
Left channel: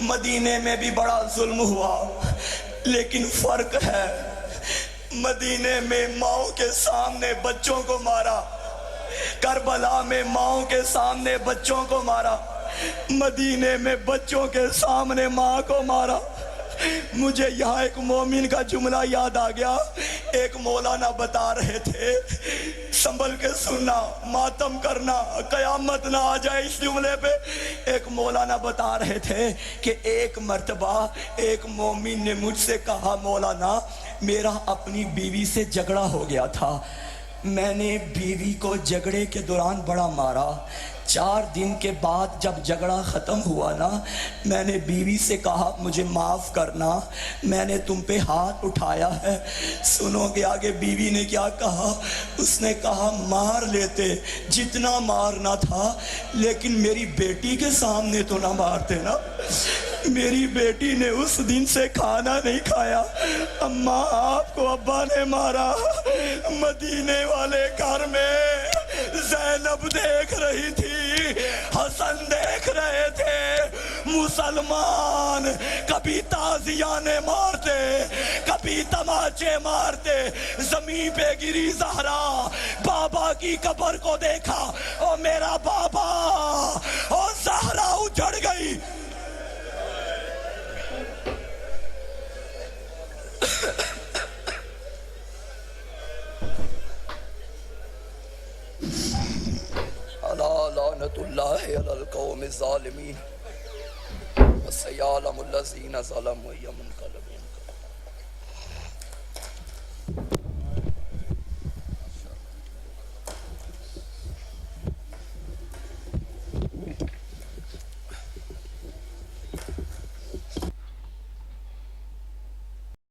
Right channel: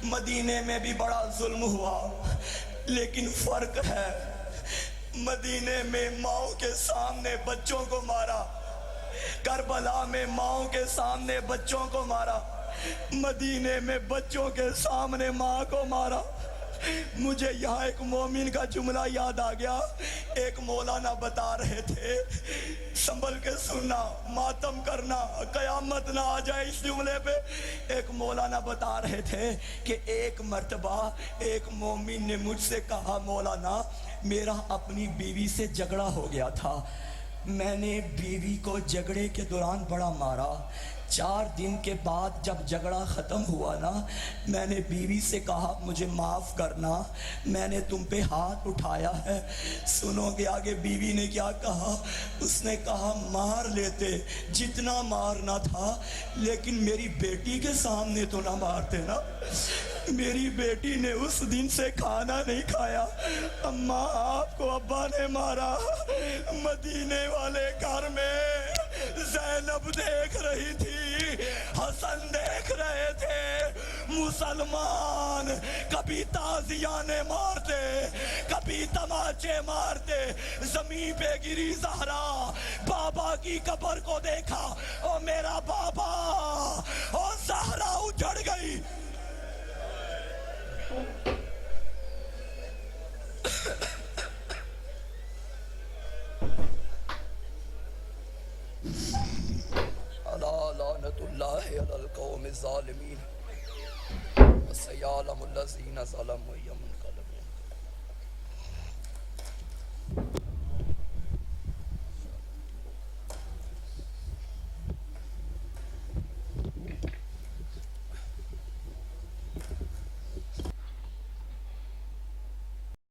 مدینے میں بھی بڑا ظلم ہوا، لیکن فرق ہے، مدینے میں ماؤں کے سامنے بچوں کو مارا، کربلا میں ماؤں کے سامنے بچوں کو مارا، مدینے میں بچوں کے سامنے ماں کو مارا۔ مجھے یہاں ایک مومن کا جملہ یاد آ گیا، ایک مولانا بتا رہے تھے، سنبھل کے سننا، ماتم کرنا، قیامت نہ آ جائے اس جملے پہ، ایک مولانا بتا رہے تھے کہ ایک مرتبہ ایک مومن نے مجھ سے کہا مولانا میرا اپنی بیوی سے جھگڑا ہو گیا تھا، میں نے بیوی کو جھگڑے کے دوران بڑا مارا. 4 دن کے بعد جب جھگڑا ختم ہوا نا, میں نے بیوی سے کہا مجھے معاف کرنا, میں نے تم پہ ہاتھ اٹھایا ہے. سنو گے آگے بیوی نے کیا کہا؟ اس نے کہا مار لیتے جتنا مارنا تھا, لیکن میری بیٹی کے سامنے تو نہ مارتے نا. میری بیٹی نے اس دن سے کھانا نہیں کھایا. اماں آپ کو ابا نے مارا. مدینے والے گھر میں زینب دیکھ رہی تھی, حسن دیکھ رہے تھے. مسلمان کبھی تازیانے مارتے, کبھی تماچے مارتے. زمین پہ گری زہرا, بابا کی قبر کو دیکھا, او میرا بابا, او زہرا اجڑ گئی. لعنت اللہ علی القوم الظالمین وسیعلم الذین ظلموا یوم القیامۃ.